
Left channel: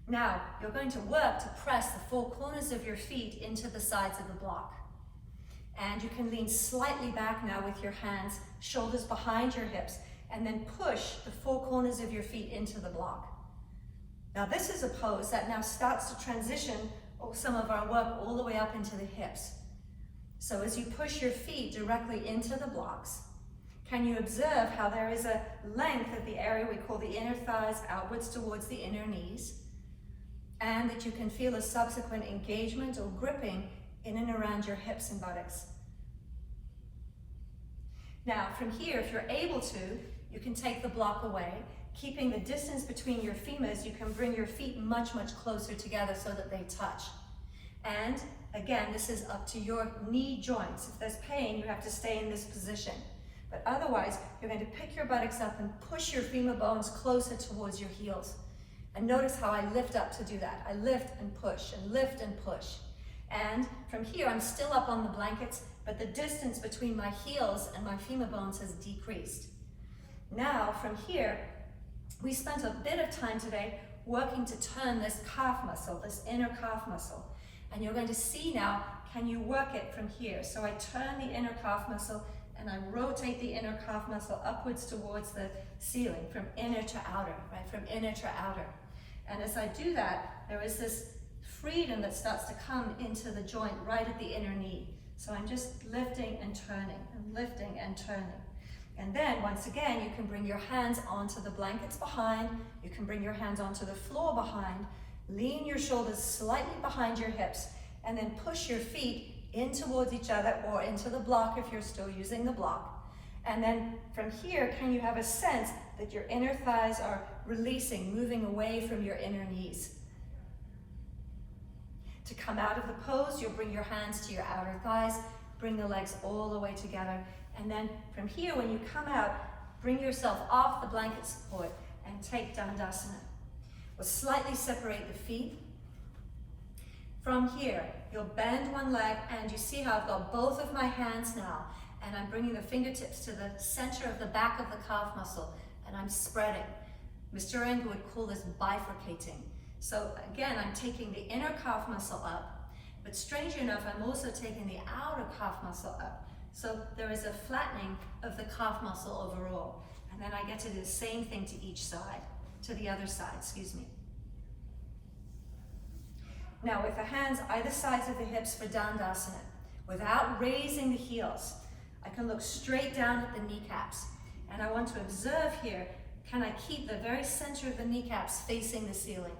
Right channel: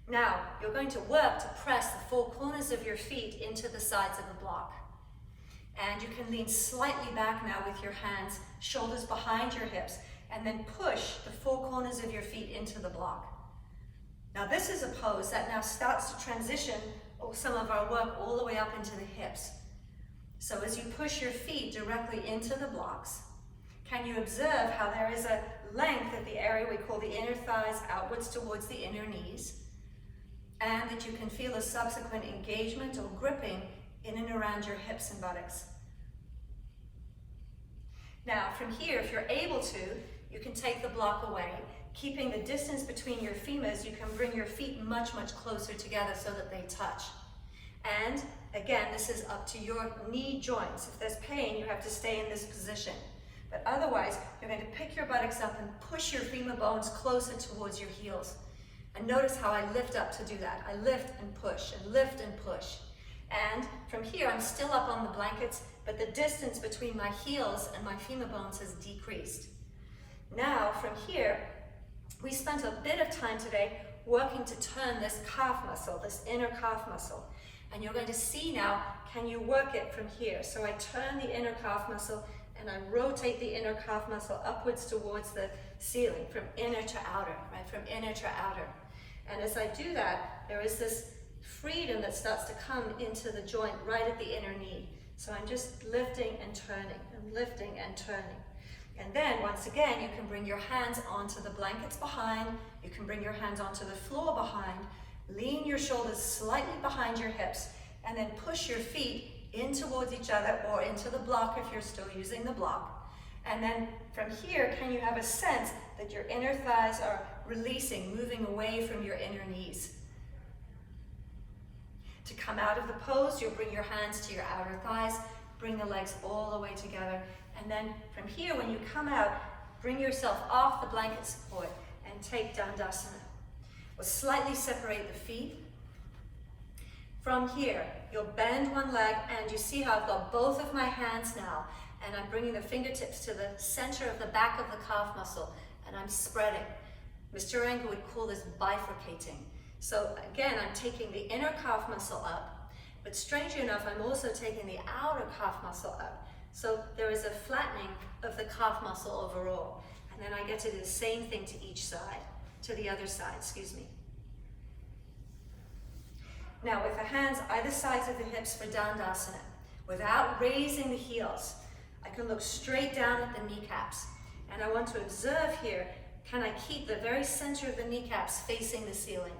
Now, you're going to work to press the four corners of your feet into the sides of the block. And you can lean slightly back now with your hands, shoulders behind your hips, and then push the four corners of your feet into the block. Now this is a pose that now starts to transition some of our work all the way up into the hips. So as you push your feet directly into the blocks, can you observe how there is a length of the area we call the inner thighs outwards towards the inner knees, and that you can feel a subsequent engagement or gripping in and around your hips and buttocks. Now from here, if you're able to, you can take the block away. Keeping the distance between your femurs, you can bring your feet much, much closer together so that they touch. And again, this is up to your knee joints. If there's pain, you have to stay in this position. But otherwise, you're going to pick your buttocks up and push your femur bones closer towards your heels. And notice how I lift up to do that. I lift and push and lift and push. And from here, I'm still up on the blankets, but the distance between my heels and my femur bones has decreased. Now, from here, we spent a bit of time today working to turn this calf muscle, this inner calf muscle. And you're going to see now, can you work it from here? So I turn the inner calf muscle and I rotate the inner calf muscle upwards towards the ceiling, from inner to outer, right? From inner to outer. And as I do that, there is this freedom that starts to come into the joint right at the inner knee. So I'm just lifting and turning and lifting and turning. And then once again, you can bring your hands onto the blankets behind, you can bring your hands onto the floor behind, lean your shoulders slightly behind your hips, and then push your feet in towards each other or into the block if you're still using the block. And then from here, can you have a sense that your inner thighs are releasing, moving away from your inner knees? To come out of the pose, you'll bring your hands to your outer thighs, bring the legs all the way together. And then from here, when you come out, bring yourself off the blanket support and take Dandasana. We'll slightly separate the feet. From here, you'll bend one leg, and you see how I've got both of my hands now, and I'm bringing the fingertips to the center of the back of the calf muscle, and I'm spreading. Mr. Iyengar would call this bifurcating. So again, I'm taking the inner calf muscle up, but strangely enough, I'm also taking the outer calf muscle up. So there is a flattening of the calf muscle overall. And then I get to do the same thing to each side, to the other side, excuse me. Now with the hands either sides of the hips for Dandasana, without raising the heels, I can look straight down at the kneecaps. And I want to observe here, can I keep the very center of the kneecaps facing the ceiling?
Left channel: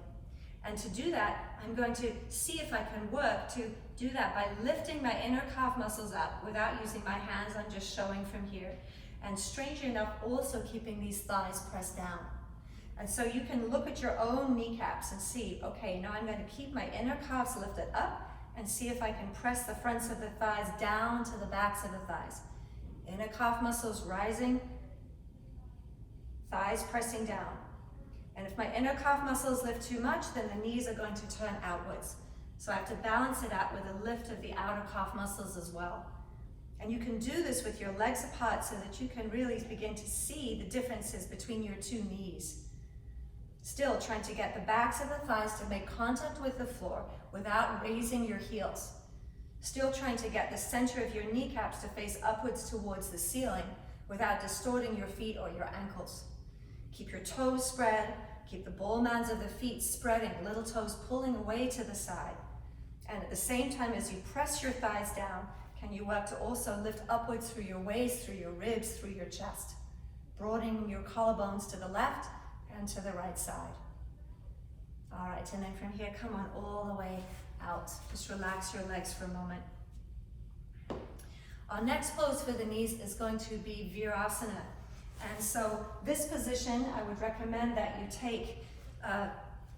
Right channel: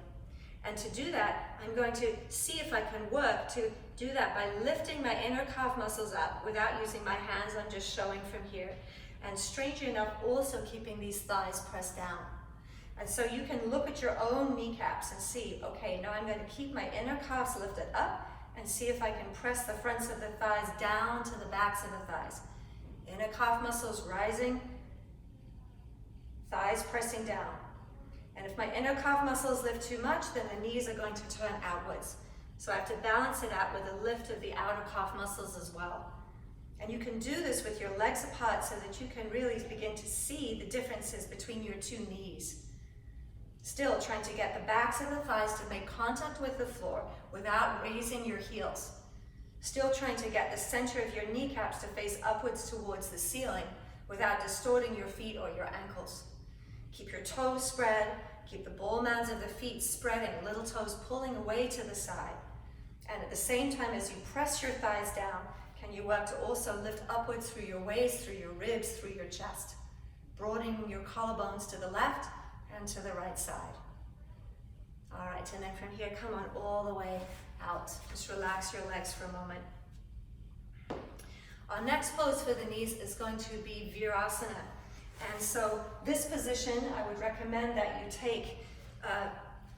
And to do that, I'm going to see if I can work to do that by lifting my inner calf muscles up without using my hands. I'm just showing from here. And strangely enough, also keeping these thighs pressed down. And so you can look at your own kneecaps and see, okay, now I'm going to keep my inner calves lifted up and see if I can press the fronts of the thighs down to the backs of the thighs. Inner calf muscles rising, thighs pressing down. And if my inner calf muscles lift too much, then the knees are going to turn outwards. So I have to balance it out with a lift of the outer calf muscles as well. And you can do this with your legs apart so that you can really begin to see the differences between your two knees. Still trying to get the backs of the thighs to make contact with the floor without raising your heels. Still trying to get the center of your kneecaps to face upwards towards the ceiling without distorting your feet or your ankles. Keep your toes spread, keep the ball mounds of the feet spreading, little toes pulling away to the side. And at the same time as you press your thighs down, can you work to also lift upwards through your waist, through your ribs, through your chest, broadening your collarbones to the left and to the right side. All right, and then from here, come on all the way out. Just relax your legs for a moment. Our next pose for the knees is going to be Virasana. And so this position, I would recommend that you take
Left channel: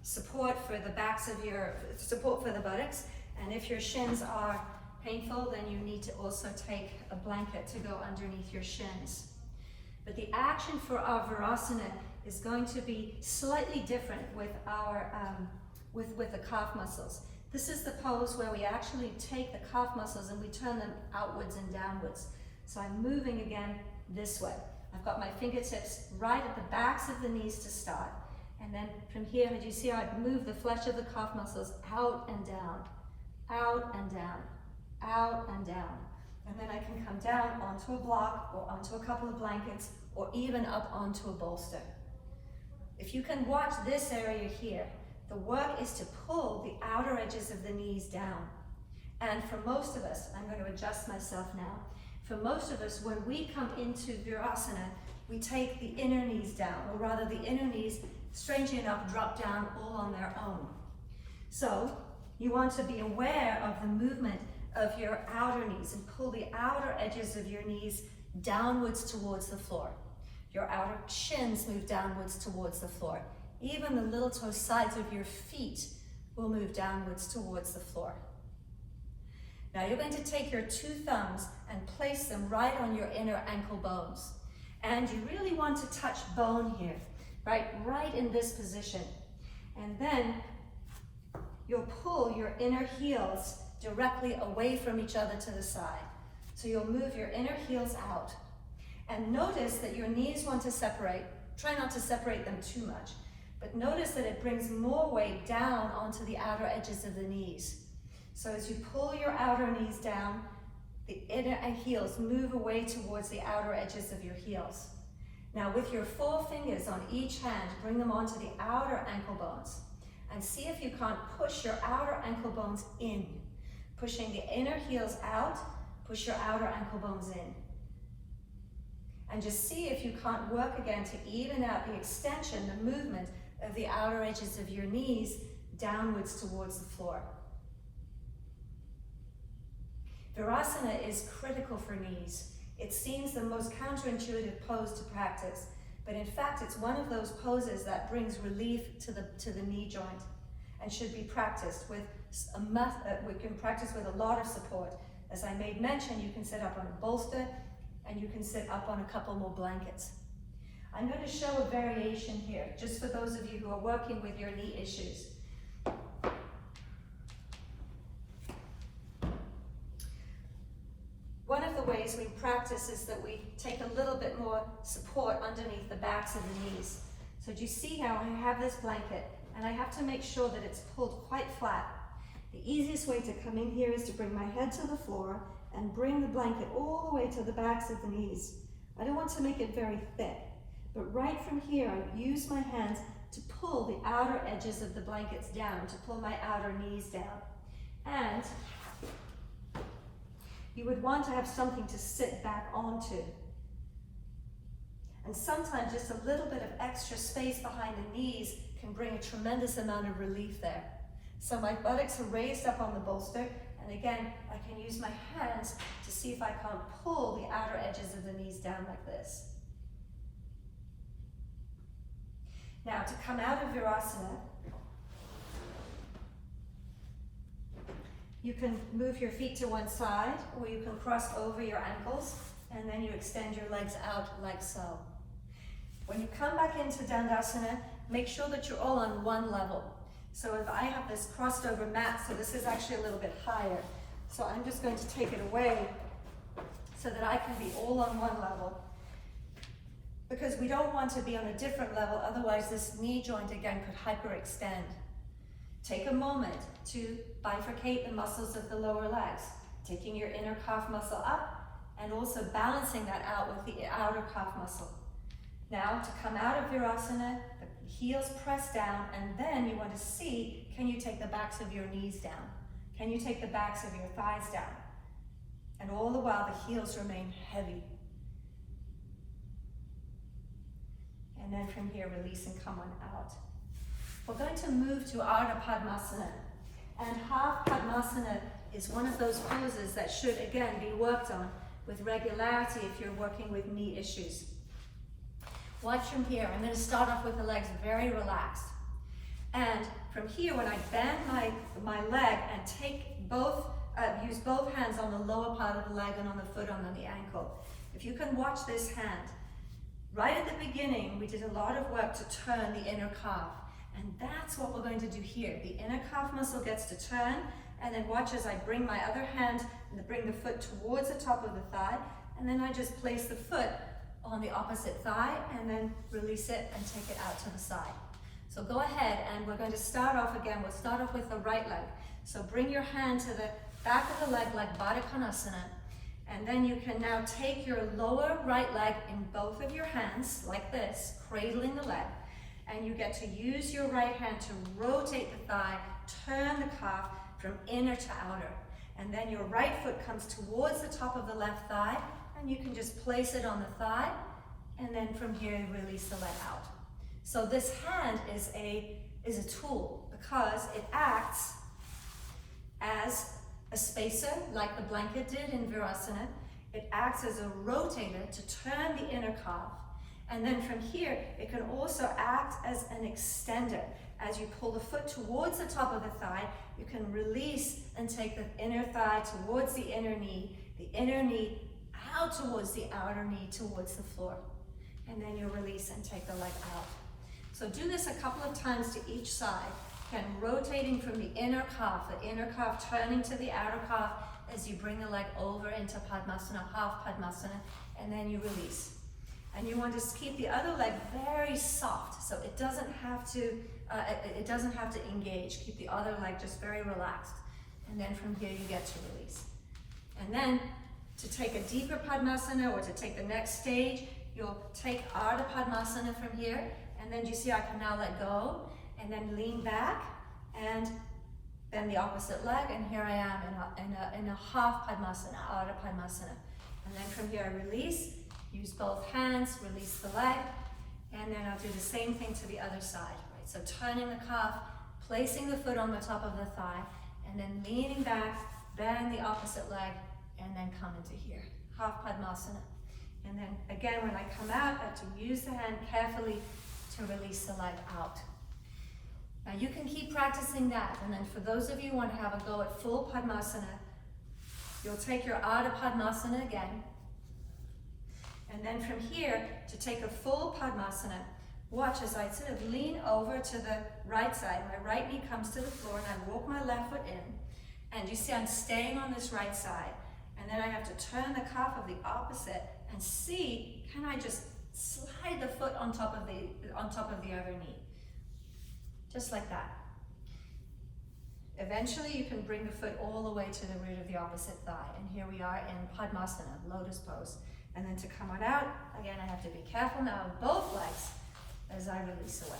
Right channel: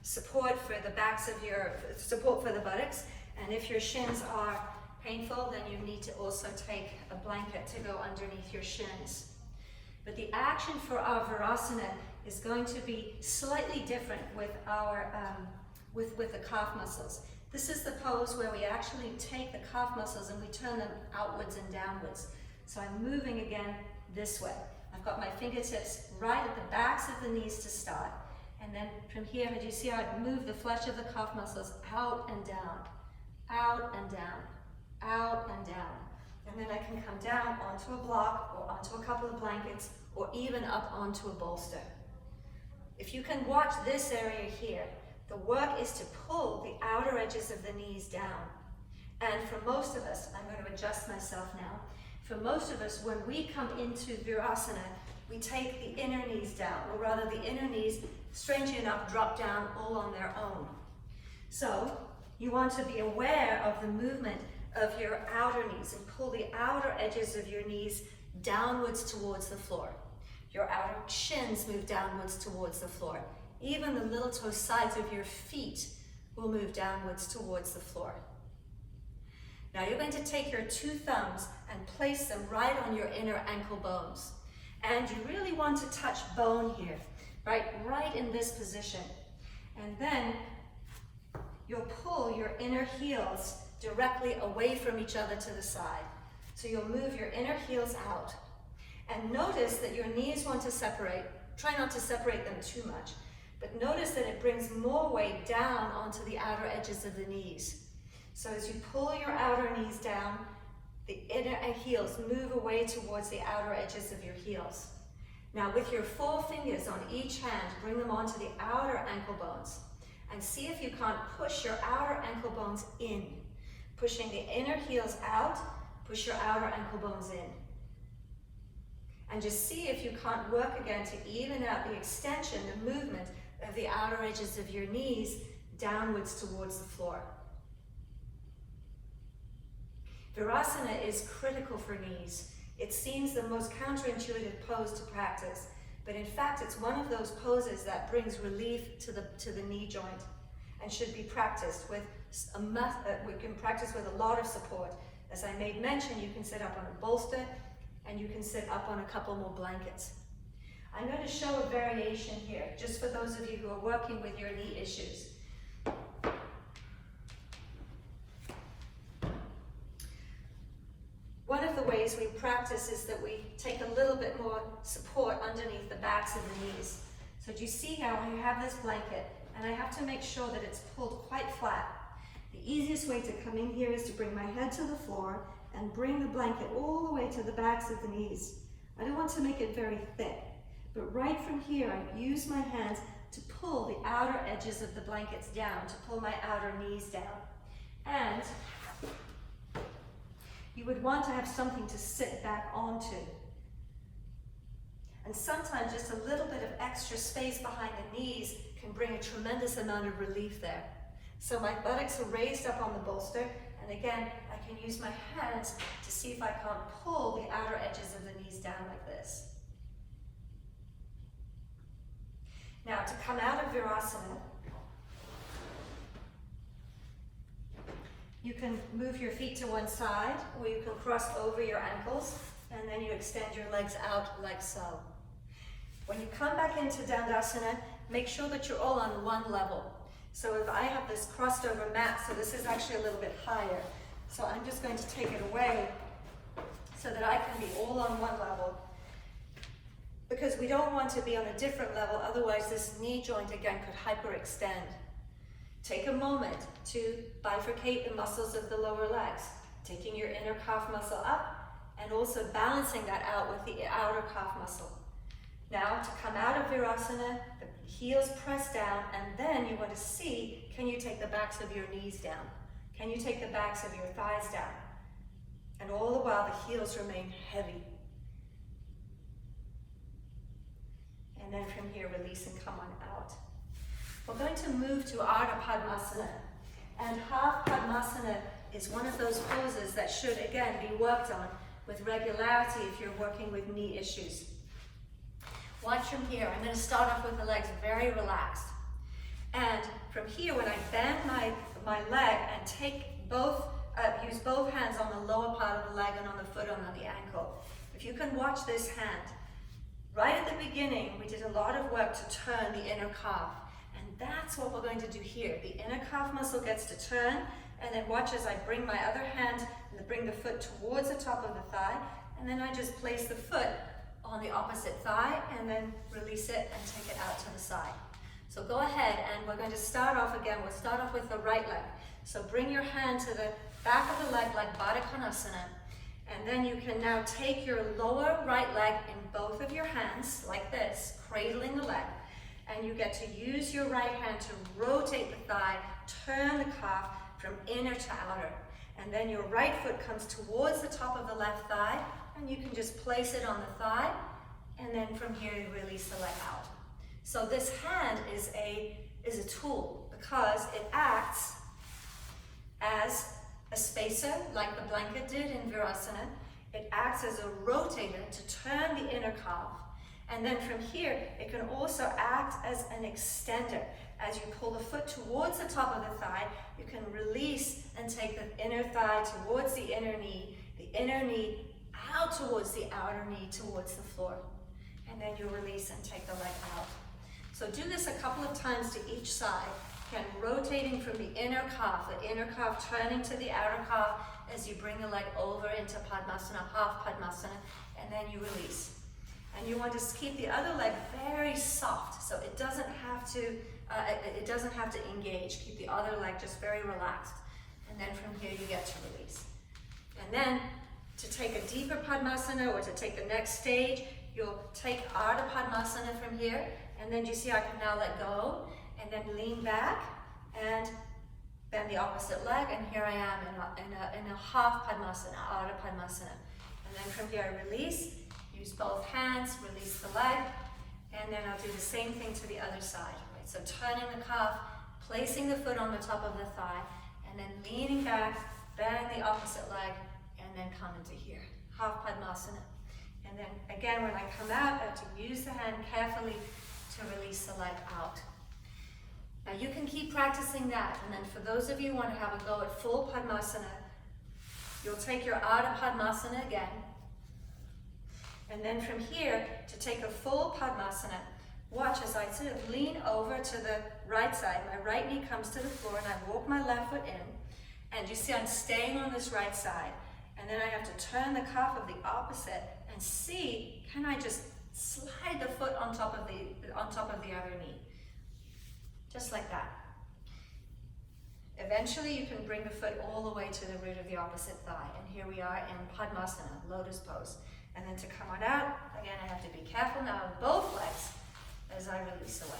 support for the buttocks. And if your shins are painful, then you need to also take a blanket to go underneath your shins. But the action for our Virasana is going to be slightly different with our with the calf muscles. This is the pose where we actually take the calf muscles and we turn them outwards and downwards. So I'm moving again this way. I've got my fingertips right at the backs of the knees to start. And then from here, do you see how I move the flesh of the calf muscles out and down, out and down, out and down. And then I can come down onto a block or onto a couple of blankets or even up onto a bolster. If you can watch this area here, the work is to pull the outer edges of the knees down. And for most of us, I'm going to adjust myself now. For most of us, when we come into Virasana, we take the inner knees down, or rather the inner knees, strangely enough, drop down all on their own. So you want to be aware of the movement of your outer knees and pull the outer edges of your knees downwards towards the floor. Your outer shins move downwards towards the floor. Even the little toe sides of your feet will move downwards towards the floor. Now you're going to take your two thumbs and place them right on your inner ankle bones. And you really want to touch bone here, right in this position. And then you'll pull your inner heels directly away from each other to the side. So you'll move your inner heels out. And notice that your knees want to separate. Try not to separate them too much. But notice that it brings more weight down onto the outer edges of the knees. So as you pull your outer knees down, the inner heels move away towards the outer edges of your heels. Now with your 4 fingers on each hand, bring them onto the outer ankle bones. And see if you can't push your outer ankle bones in. Pushing the inner heels out, push your outer ankle bones in. And just see if you can't work again to even out the extension, the movement of the outer edges of your knees downwards towards the floor. Virasana is critical for knees. It seems the most counterintuitive pose to practice, but in fact it's one of those poses that brings relief to the knee joint and should be practiced with we can practice with a lot of support. As I made mention, you can sit up on a bolster and you can sit up on a couple more blankets. I'm going to show a variation here, just for those of you who are working with your knee issues. One of the ways we practice is that we take a little bit more support underneath the backs of the knees. So do you see how I have this blanket and I have to make sure that it's pulled quite flat? The easiest way to come in here is to bring my head to the floor and bring the blanket all the way to the backs of the knees. I don't want to make it very thick, but right from here I use my hands to pull the outer edges of the blankets down, to pull my outer knees down. And you would want to have something to sit back onto. And sometimes just a little bit of extra space behind the knees can bring a tremendous amount of relief there. So my buttocks are raised up on the bolster, and again, I can use my hands to see if I can't pull the outer edges of the knees down like this. Now to come out of Virasana, you can move your feet to one side, or you can cross over your ankles, and then you extend your legs out like so. When you come back into Dandasana, make sure that you're all on one level. So if I have this crossed over mat, so this is actually a little bit higher, so I'm just going to take it away so that I can be all on one level. Because we don't want to be on a different level, otherwise this knee joint again could hyperextend. Take a moment to bifurcate the muscles of the lower legs, taking your inner calf muscle up and also balancing that out with the outer calf muscle. Now to come out of Virasana, the heels press down, and then you want to see, can you take the backs of your knees down? Can you take the backs of your thighs down? And all the while the heels remain heavy. And then from here, release and come on out. We're going to move to Padmasana. And half Padmasana is one of those poses that should, again, be worked on with regularity if you're working with knee issues. Watch from here. I'm going to start off with the legs very relaxed. And from here, when I bend my leg and take both, use both hands on the lower part of the leg and on the foot and on the ankle. If you can watch this hand, right at the beginning, we did a lot of work to turn the inner calf. And that's what we're going to do here. The inner calf muscle gets to turn, and then watch as I bring my other hand and bring the foot towards the top of the thigh, and then I just place the foot on the opposite thigh and then release it and take it out to the side. So go ahead, and we're going to start off again. We'll start off with the right leg. So bring your hand to the back of the leg like Baddha Konasana, and then you can now take your lower right leg in both of your hands like this, cradling the leg, and you get to use your right hand to rotate the thigh, turn the calf from inner to outer, and then your right foot comes towards the top of the left thigh, and you can just place it on the thigh, and then from here release the leg out. So this hand is a tool because it acts as a spacer like the blanket did in Virasana. It acts as a rotator to turn the inner calf. And then from here, it can also act as an extender. As you pull the foot towards the top of the thigh, you can release and take the inner thigh towards the inner knee out towards the outer knee, towards the floor. And then you release and take the leg out. So do this a couple of times to each side. Again, rotating from the inner calf turning to the outer calf as you bring the leg over into Padmasana, half Padmasana, and then you release. And you want to keep the other leg very soft, so it doesn't have to engage. Keep the other leg just very relaxed. And then from here you get to release. And then to take a deeper Padmasana, or to take the next stage, you'll take Ardha Padmasana from here, and then you see I can now let go, and then lean back, and bend the opposite leg, and here I am in a half Padmasana, Ardha Padmasana. And then from here I release, use both hands, release the leg, and then I'll do the same thing to the other side. Right? So turning the calf, placing the foot on the top of the thigh, and then leaning back, bend the opposite leg, and then come into here, half Padmasana. And then again, when I come out, I have to use the hand carefully to release the leg out. Now you can keep practicing that, and then for those of you who want to have a go at full Padmasana, you'll take your Ardha Padmasana again, and then from here, to take a full Padmasana, watch as I sort of lean over to the right side. My right knee comes to the floor, and I walk my left foot in, and you see I'm staying on this right side, and then I have to turn the calf of the opposite and see, can I just slide the foot on top of the other knee? Just like that. Eventually you can bring the foot all the way to the root of the opposite thigh. And here we are in Padmasana, lotus pose. And then to come on out, again I have to be careful now of both legs as I release away.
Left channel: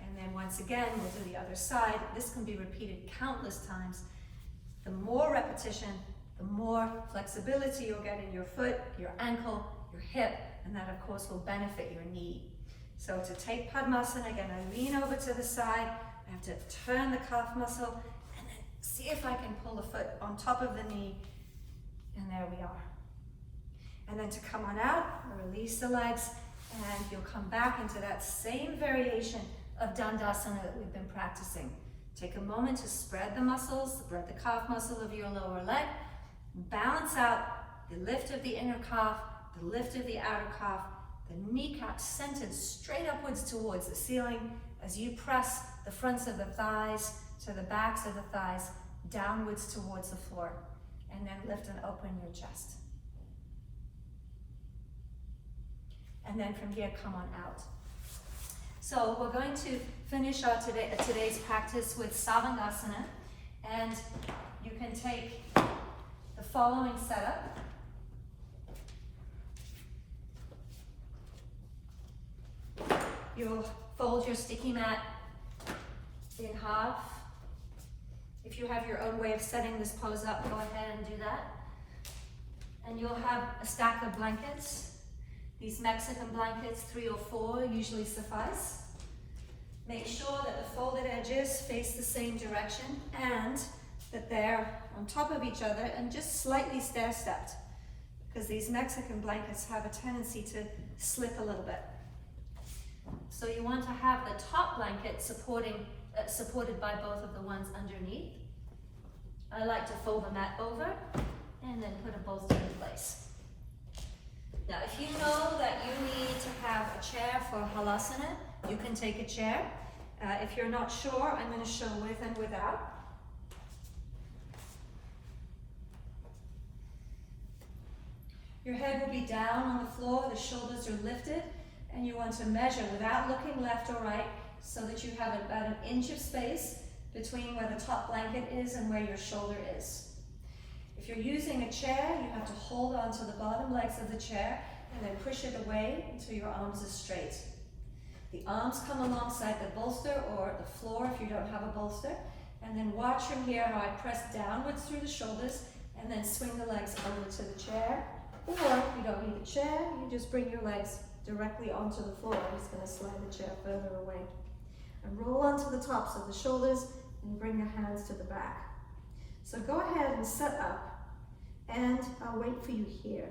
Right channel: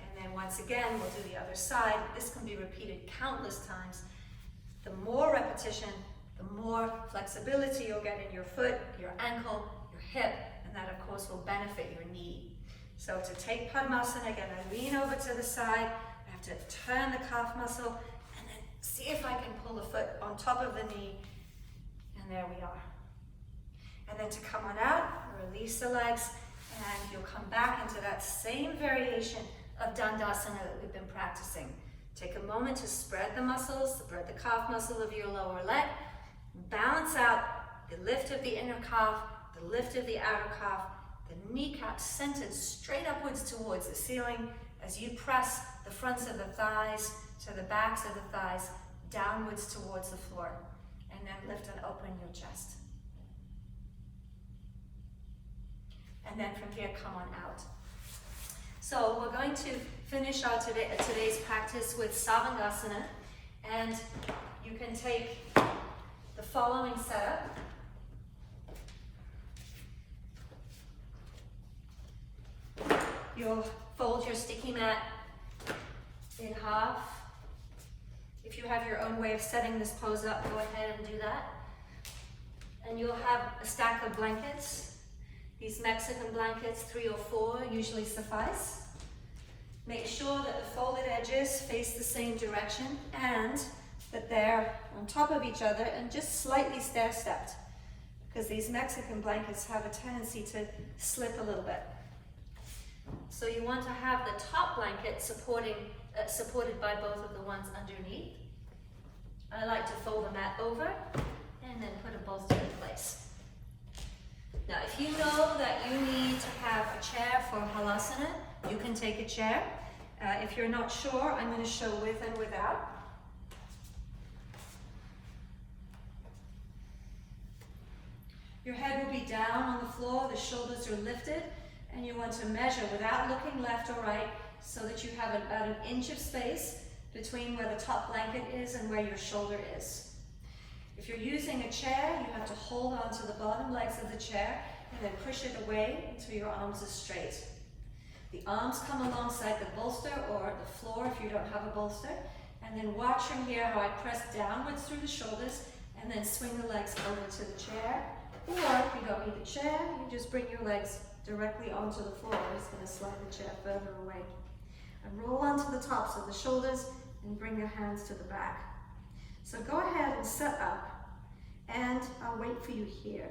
And then once again, we'll do the other side. This can be repeated countless times. The more repetition, the more flexibility you'll get in your foot, your ankle, your hip, and that of course will benefit your knee. So to take Padmasana, again, I lean over to the side, I have to turn the calf muscle, and then see if I can pull the foot on top of the knee, and there we are. And then to come on out, release the legs, and you'll come back into that same variation of Dandasana that we've been practicing. Take a moment to spread the muscles, spread the calf muscle of your lower leg, balance out the lift of the inner calf, the lift of the outer calf, the kneecap centered straight upwards towards the ceiling as you press the fronts of the thighs to the backs of the thighs, downwards towards the floor. And then lift and open your chest. And then from here, come on out. So we're going to finish our today's practice with Savandasana. And you can take the following setup. You'll fold your sticky mat in half. If you have your own way of setting this pose up, go ahead and do that. And you'll have a stack of blankets. These Mexican blankets, 3 or 4, usually suffice. Make sure that the folded edges face the same direction and that they're on top of each other and just slightly stair-stepped, because these Mexican blankets have a tendency to slip a little bit. So you want to have the top blanket supported by both of the ones underneath. I like to fold the mat over and then put a bolster in place. Now, if you know that you need to have a chair for Halasana, you can take a chair. If you're not sure, I'm going to show with and without. Your head will be down on the floor, the shoulders are lifted, and you want to measure without looking left or right so that you have about an inch of space between where the top blanket is and where your shoulder is. If you're using a chair, you have to hold on to the bottom legs of the chair and then push it away until your arms are straight. The arms come alongside the bolster or the floor if you don't have a bolster, and then watch from here how I press downwards through the shoulders and then swing the legs over to the chair. Or if you don't need the chair, you just bring your legs directly onto the floor. I'm just going to slide the chair further away. And roll onto the tops of the shoulders and bring your hands to the back. So go ahead and set up, and I'll wait for you here.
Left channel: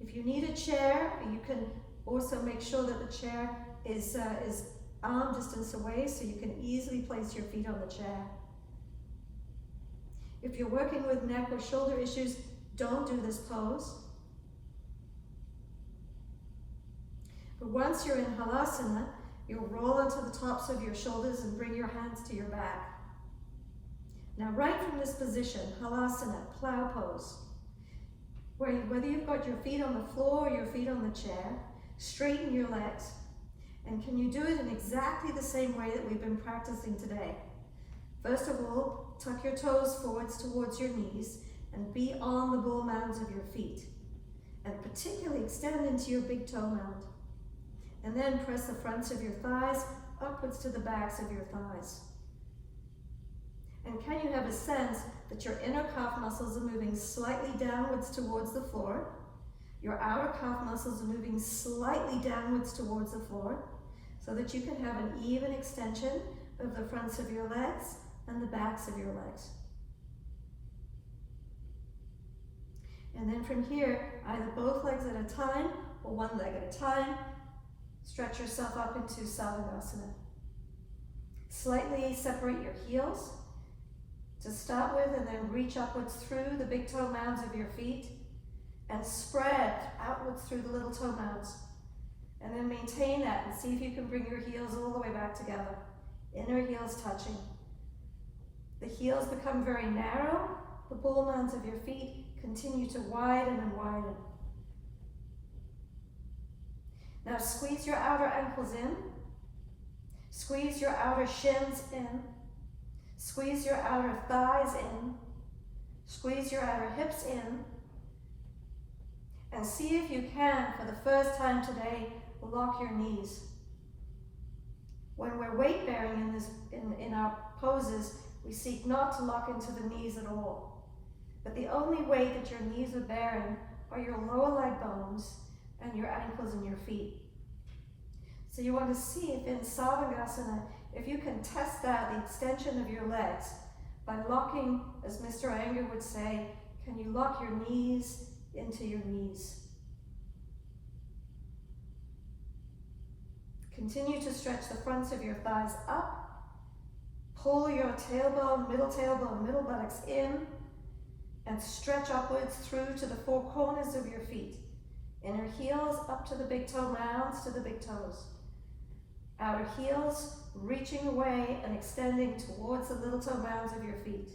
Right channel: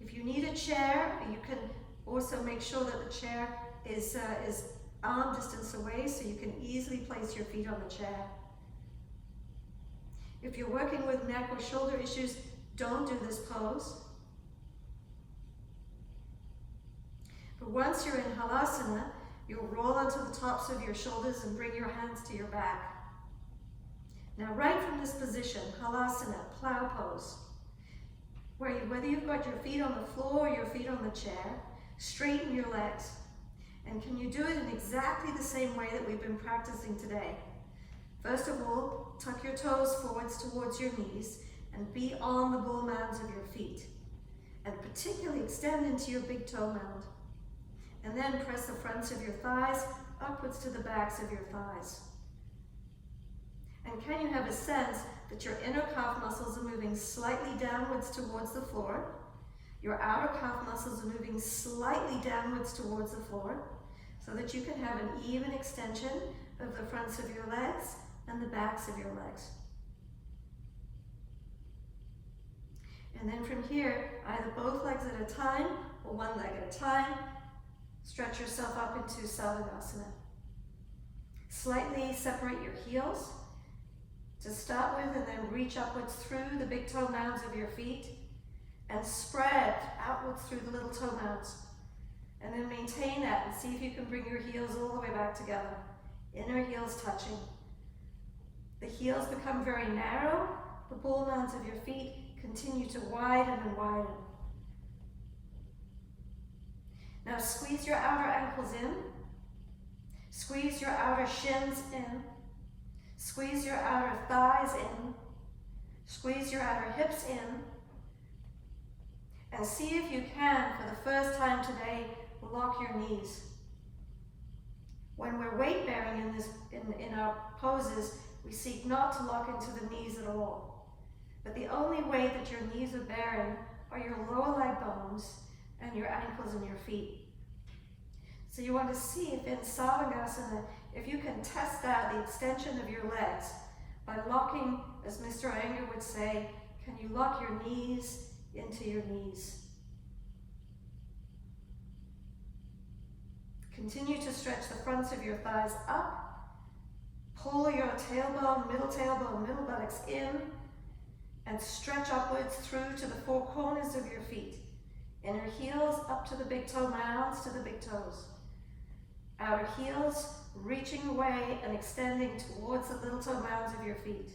If you need a chair, you can also make sure that the chair is arm distance away so you can easily place your feet on the chair. If you're working with neck or shoulder issues, don't do this pose. But once you're in Halasana, you'll roll onto the tops of your shoulders and bring your hands to your back. Now, right from this position, Halasana, plow pose, whether you've got your feet on the floor or your feet on the chair, straighten your legs. And can you do it in exactly the same way that we've been practicing today? First of all, tuck your toes forwards towards your knees and be on the ball mounds of your feet. And particularly extend into your big toe mound. And then press the fronts of your thighs upwards to the backs of your thighs. And can you have a sense that your inner calf muscles are moving slightly downwards towards the floor? Your outer calf muscles are moving slightly downwards towards the floor so that you can have an even extension of the fronts of your legs and the backs of your legs. And then from here, either both legs at a time or one leg at a time, stretch yourself up into Sadasana. Slightly separate your heels to start with, and then reach upwards through the big toe mounds of your feet and spread outwards through the little toe mounds. And then maintain that and see if you can bring your heels all the way back together. Inner heels touching. The heels become very narrow. The ball mounds of your feet continue to widen and widen. Now squeeze your outer ankles in. Squeeze your outer shins in. Squeeze your outer thighs in. Squeeze your outer hips in. And see if you can, for the first time today, lock your knees. When we're weight bearing in our poses, we seek not to lock into the knees at all. But the only weight that your knees are bearing are your lower leg bones and your ankles and your feet. So you want to see if in Savasana, if you can test out the extension of your legs by locking, as Mr. Iyengar would say, can you lock your knees into your knees? Continue to stretch the fronts of your thighs up. Pull your tailbone, middle buttocks in, and stretch upwards through to the four corners of your feet. Inner heels up to the big toe mounds, to the big toes. Outer heels reaching away and extending towards the little toe mounds of your feet.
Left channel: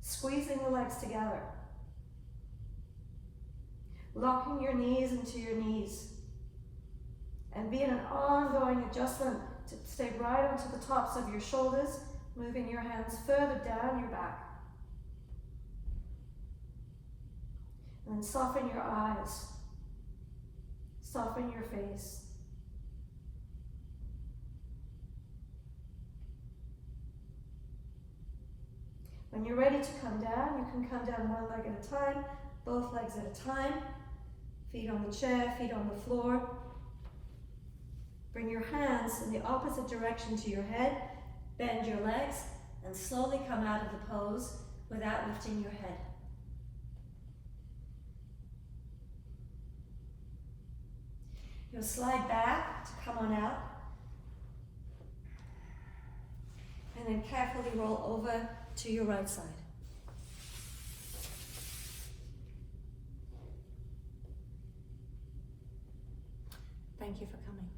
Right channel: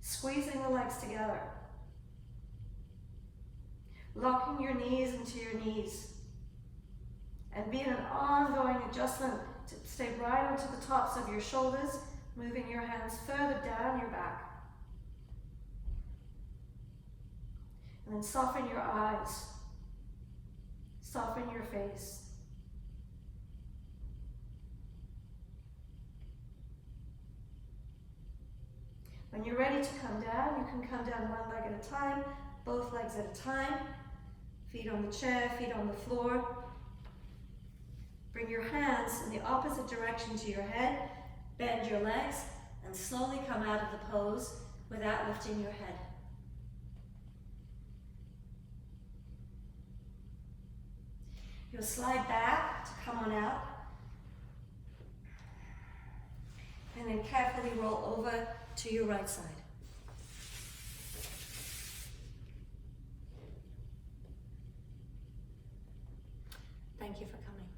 Squeezing the legs together. Locking your knees into your knees. And be in an ongoing adjustment to stay right onto the tops of your shoulders, moving your hands further down your back. And then soften your eyes. Soften your face. When you're ready to come down, you can come down one leg at a time, both legs at a time. Feet on the chair, feet on the floor. Bring your hands in the opposite direction to your head, bend your legs, and slowly come out of the pose without lifting your head. You'll slide back to come on out, and then carefully roll over to your right side. Thank you for coming.